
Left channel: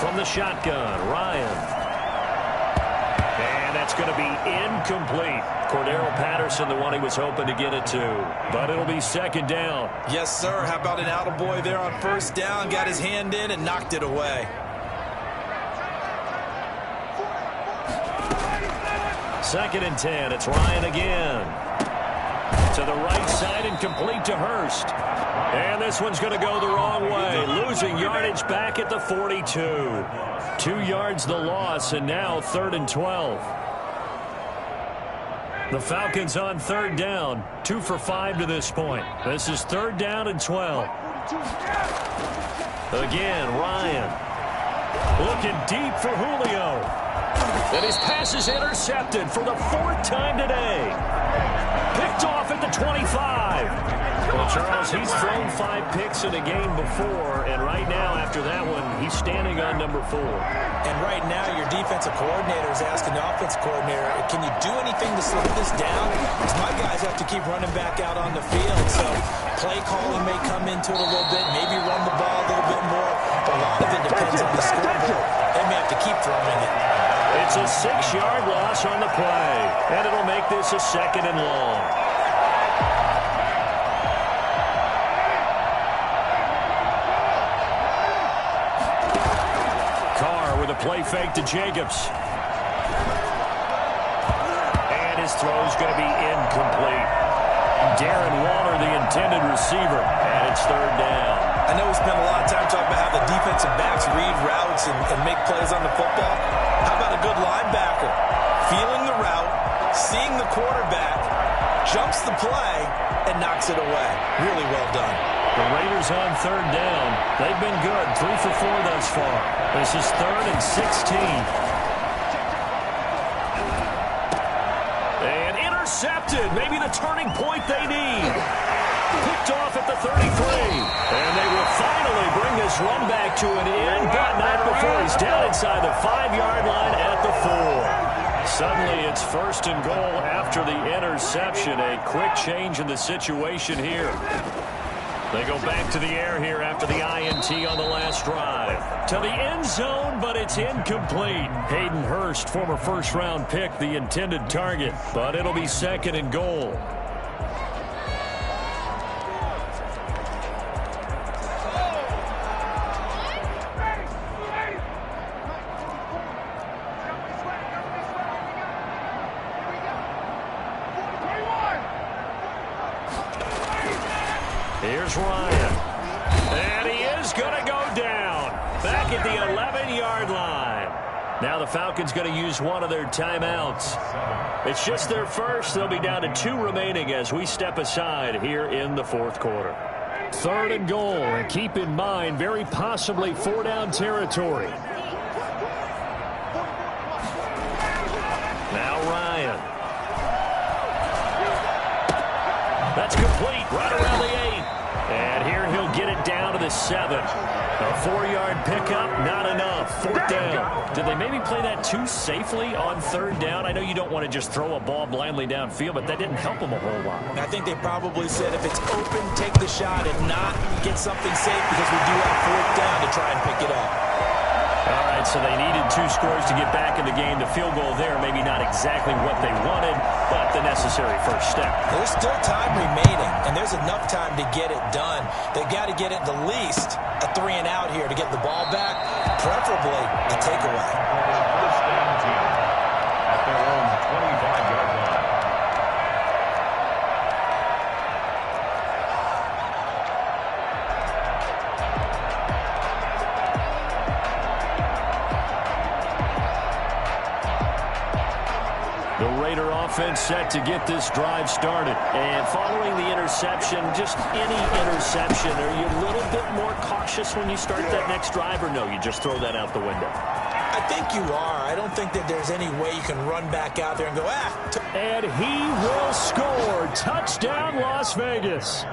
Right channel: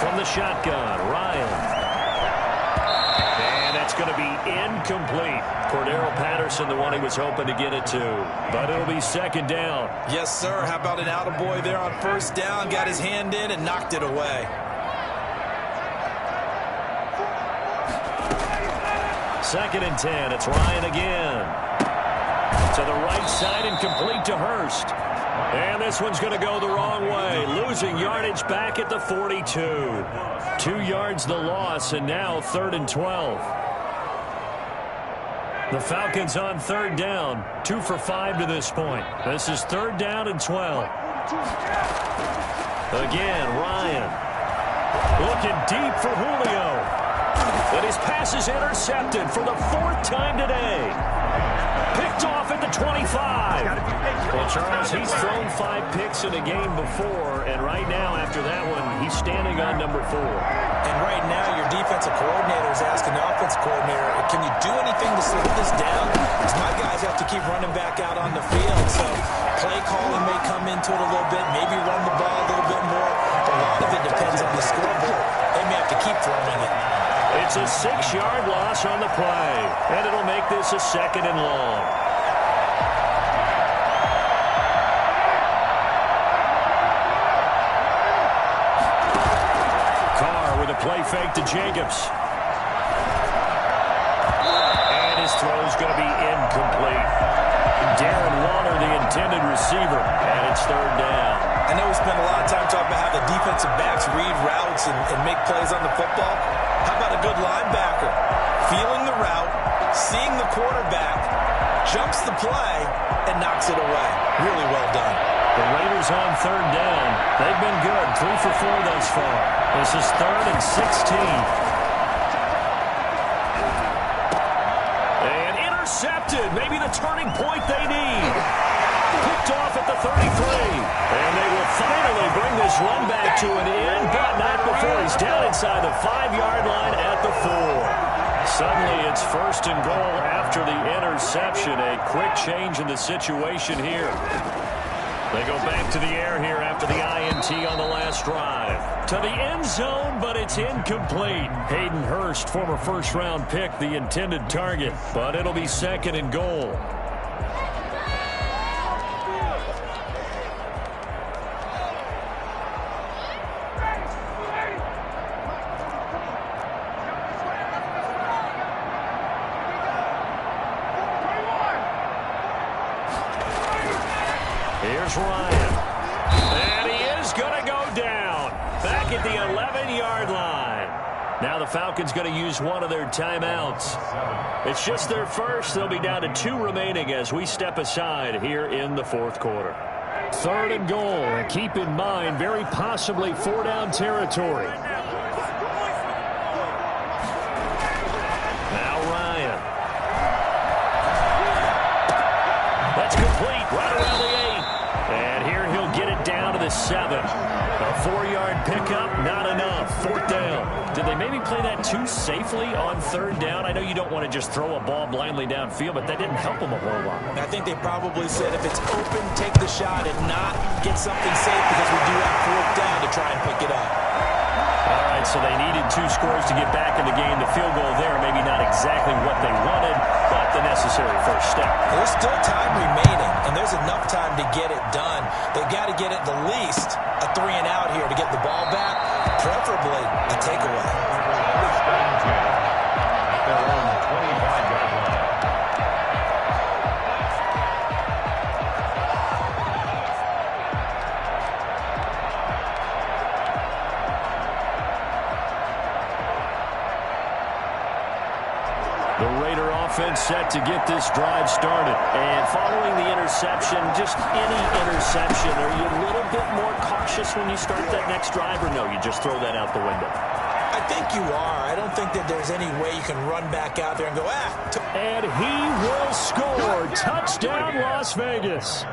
From the shotgun, Ryan. And that's going to be incomplete. Cordero Patterson, the one he was hoping to get it to. But it'll be second down. Yes, sir. How about an attaboy there on first down? Got his hand in and knocked it away. Second and 10. It's Ryan again. To the right side and complete to Hurst. And this one's going to go the wrong way. Losing yardage back at the 42. 2 yards the loss, and now 3rd and 12. The Falcons on third down. 2 for 5 to this point. This is 3rd down and 12. Again, Ryan. Looking deep for Julio. And his pass is intercepted for the 4th time today. Picked off at the 25. Well, Charles, he's thrown 5 picks in a game before, and right now, after that one, he's standing on number 4. And right now, your defensive coordinator is asking the offensive coordinator, can you do anything to slow this down? Because my guys have to keep running back out on the field. So play calling may come into it a little bit, maybe run the ball a little bit more. But a lot of it depends on the scoreboard. They may have to keep throwing it. It's a 6-yard loss on the play, and it'll make this a 2nd and long. Carr with a play fake to Jacobs. And his throw's going to be incomplete. Darren Waller, the intended receiver, and it's 3rd down. I know we spent a lot of time talking about how the defensive backs read routes and make plays on the football. How about a good linebacker? Feeling the route, seeing the quarterback, jumps the play, and knocks it away. Really well done. The Raiders on third down. They've been good, 3 for 4 thus far. This is 3rd and 16. And intercepted. Maybe the turning point they need. Picked off at the 33. And they will finally bring this run back to an end, but not before he's down inside the 5-yard line at the 4. Suddenly it's 1st and goal after the interception. A quick change in the situation here. They go back to the air here after the INT on the last drive. To the end zone, but it's incomplete. Hayden Hurst, former first-round pick, the intended target. But it'll be 2nd and goal. Here's Ryan. And he is going to go down. Back at the 11-yard line. Now the Falcons going to use one of their timeouts. It's just their first. They'll be down to 2 remaining as we step aside here in the 4th quarter. 3rd and goal. And keep in mind, very possibly 4-down territory. Now Ryan. That's complete right around the 8. And here he'll get it down to the 7. A 4-yard pickup, not enough. 4th down. Did they maybe play that too safely on 3rd down? I know you don't want to just throw a ball blindly downfield, but that didn't help them a whole lot. I think they probably said if it's open, take the shot and not get something safe because we do have 4th down to try and pick it up. All right, so they needed 2 scores to get back in the game. The field goal there, maybe not exactly what they wanted, but the necessary first step. There's still time remaining, and there's enough time to get it done. They've got to get it the least a 3-and-out here to get the ball back, preferably a takeaway. 1st and 10 at their own 25-yard line. The Raider offense set to get this drive started. And following the interception, just any interception, are you a little bit more cautious when you start that next drive, or no, you just throw that out the window? I think you are. I don't think that there's any way you can run back out there and go, And he will score. Touchdown, Las Vegas.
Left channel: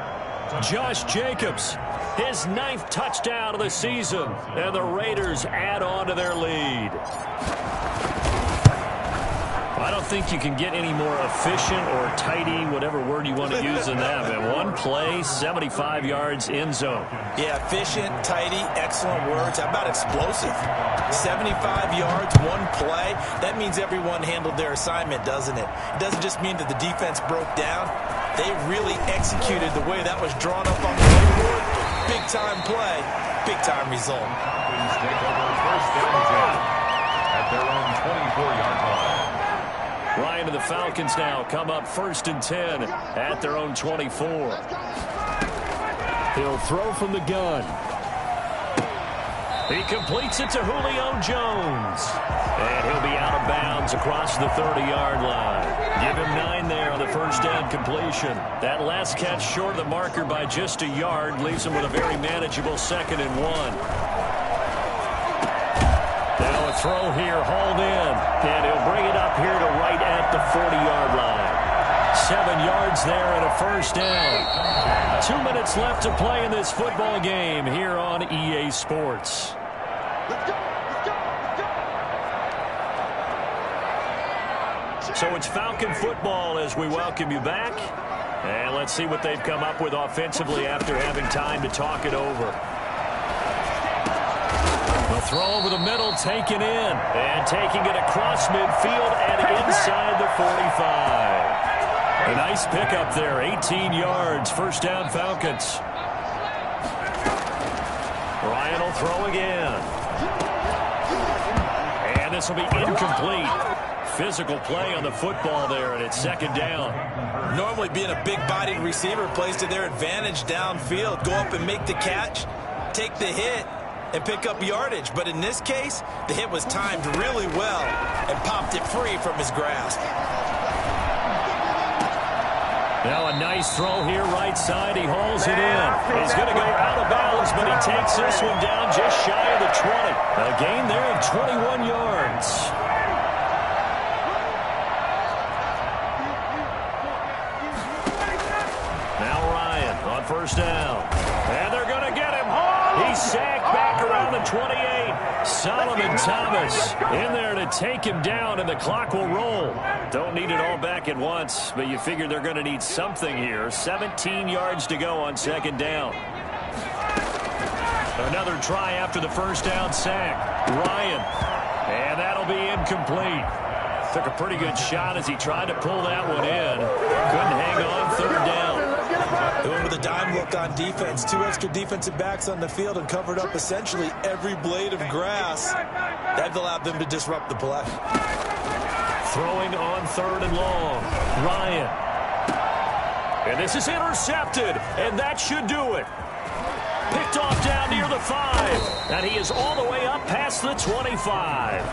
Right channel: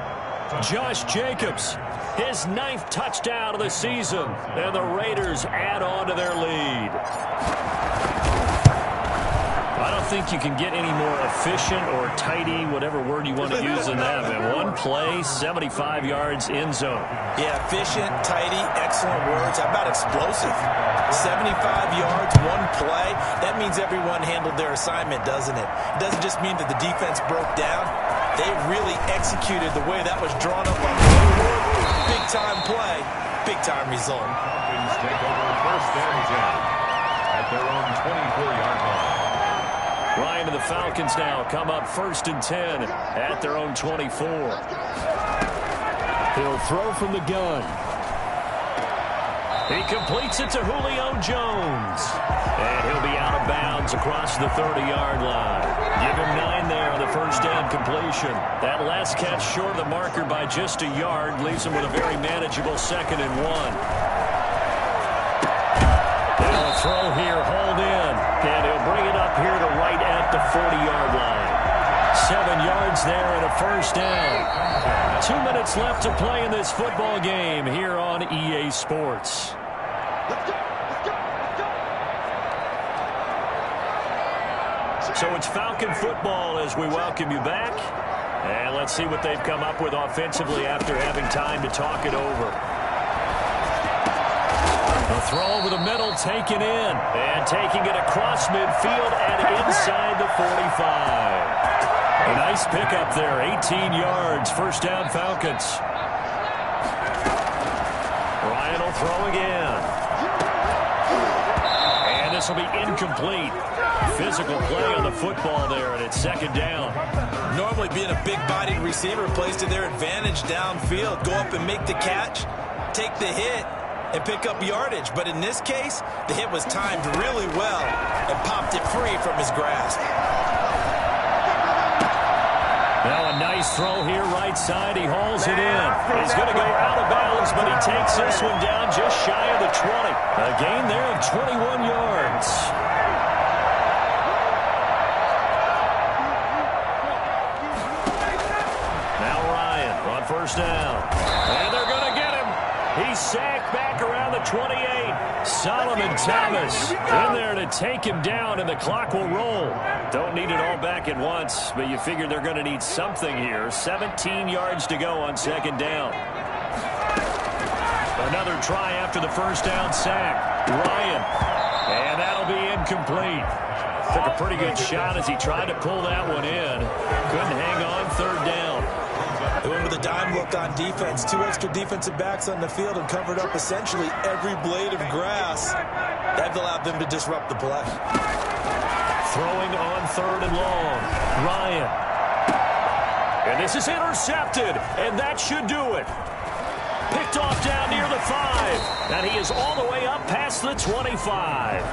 Josh Jacobs, his 9th touchdown of the season. And the Raiders add on to their lead. I don't think you can get any more efficient or tidy, whatever word you want to use in that. Man, 1 play, 75 yards, end zone. Yeah, efficient, tidy, excellent words. How about explosive? 75 yards, 1 play. That means everyone handled their assignment, doesn't it? It doesn't just mean that the defense broke down. They really executed the way that was drawn up on the board. Big-time play, big-time result. Falcons take over 1st and 10 at their own 24-yard line. Ryan and the Falcons now come up 1st and 10 at their own 24. He'll throw from the gun. He completes it to Julio Jones. And he'll be out of bounds across the 30-yard line. Give him 9 there on the 1st down completion. That last catch short of the marker by just a yard leaves him with a very manageable 2nd and 1. Now a throw here, hauled in, and he'll bring it up here to right at the 40-yard line. 7 yards there and a 1st down. 2 minutes left to play in this football game here on EA Sports. So it's Falcon football as we welcome you back. And let's see what they've come up with offensively after having time to talk it over. The throw over the middle, taken in, and taking it across midfield and inside the 45. A nice pickup there, 18 yards, 1st down Falcons. Ryan will throw again. And this will be incomplete. Physical play on the football there, and it's 2nd down. Normally being a big-bodied receiver plays to their advantage downfield. Go up and make the catch, take the hit, and pick up yardage. But in this case, the hit was timed really well and popped it free from his grasp. Now a nice throw here right side. He hauls it in. He's going to go out of bounds, but he takes this one down just shy of the 20. A gain there of 21 yards. Now Ryan on first down. And they're going to get him. He's sacked back around the 28. Solomon Thomas in there to take him down, and the clock will roll. Don't need it all back at once, but you figure they're going to need something here. 17 yards to go on second down. Another try after the first down sack. Ryan. And that'll be incomplete. Took a pretty good shot as he tried to pull that one in. Couldn't hang on third down. They went with a dime look on defense. 2 extra defensive backs on the field and covered up essentially every blade of grass. That allowed them to disrupt the play. Throwing on third and long. Ryan. And this is intercepted, and that should do it. Picked off down near the 5. And he is all the way up past the 25.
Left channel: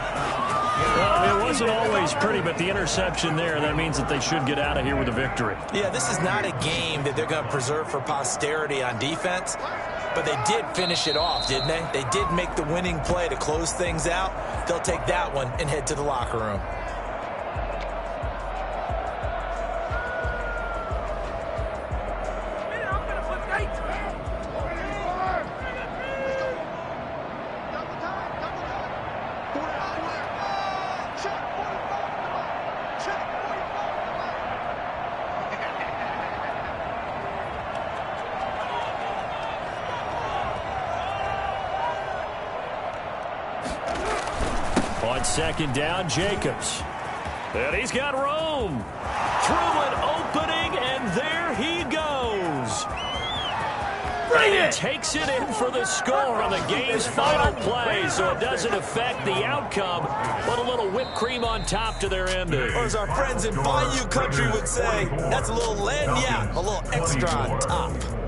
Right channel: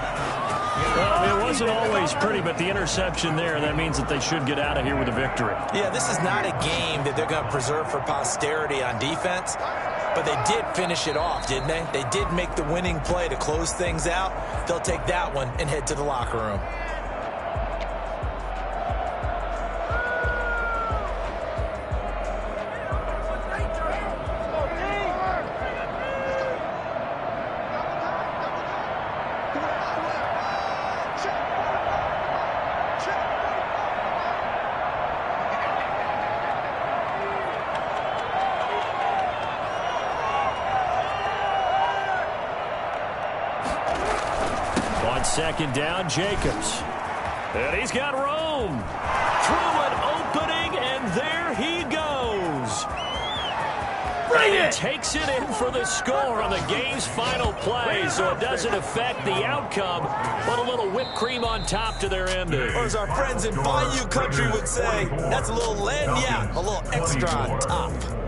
Well, it wasn't always pretty, but the interception there, that means that they should get out of here with a victory. Yeah, this is not a game that they're going to preserve for posterity on defense, but they did finish it off, didn't they? They did make the winning play to close things out. They'll take that one and head to the locker room. On second down, Jacobs. And he's got room. Through an opening, and there he goes. And he takes it in for the score on the game's final play, so it doesn't affect the outcome, but a little whipped cream on top to their ending. Or as our friends in Bayou Country would say, that's a little lagniappe, a little extra on top.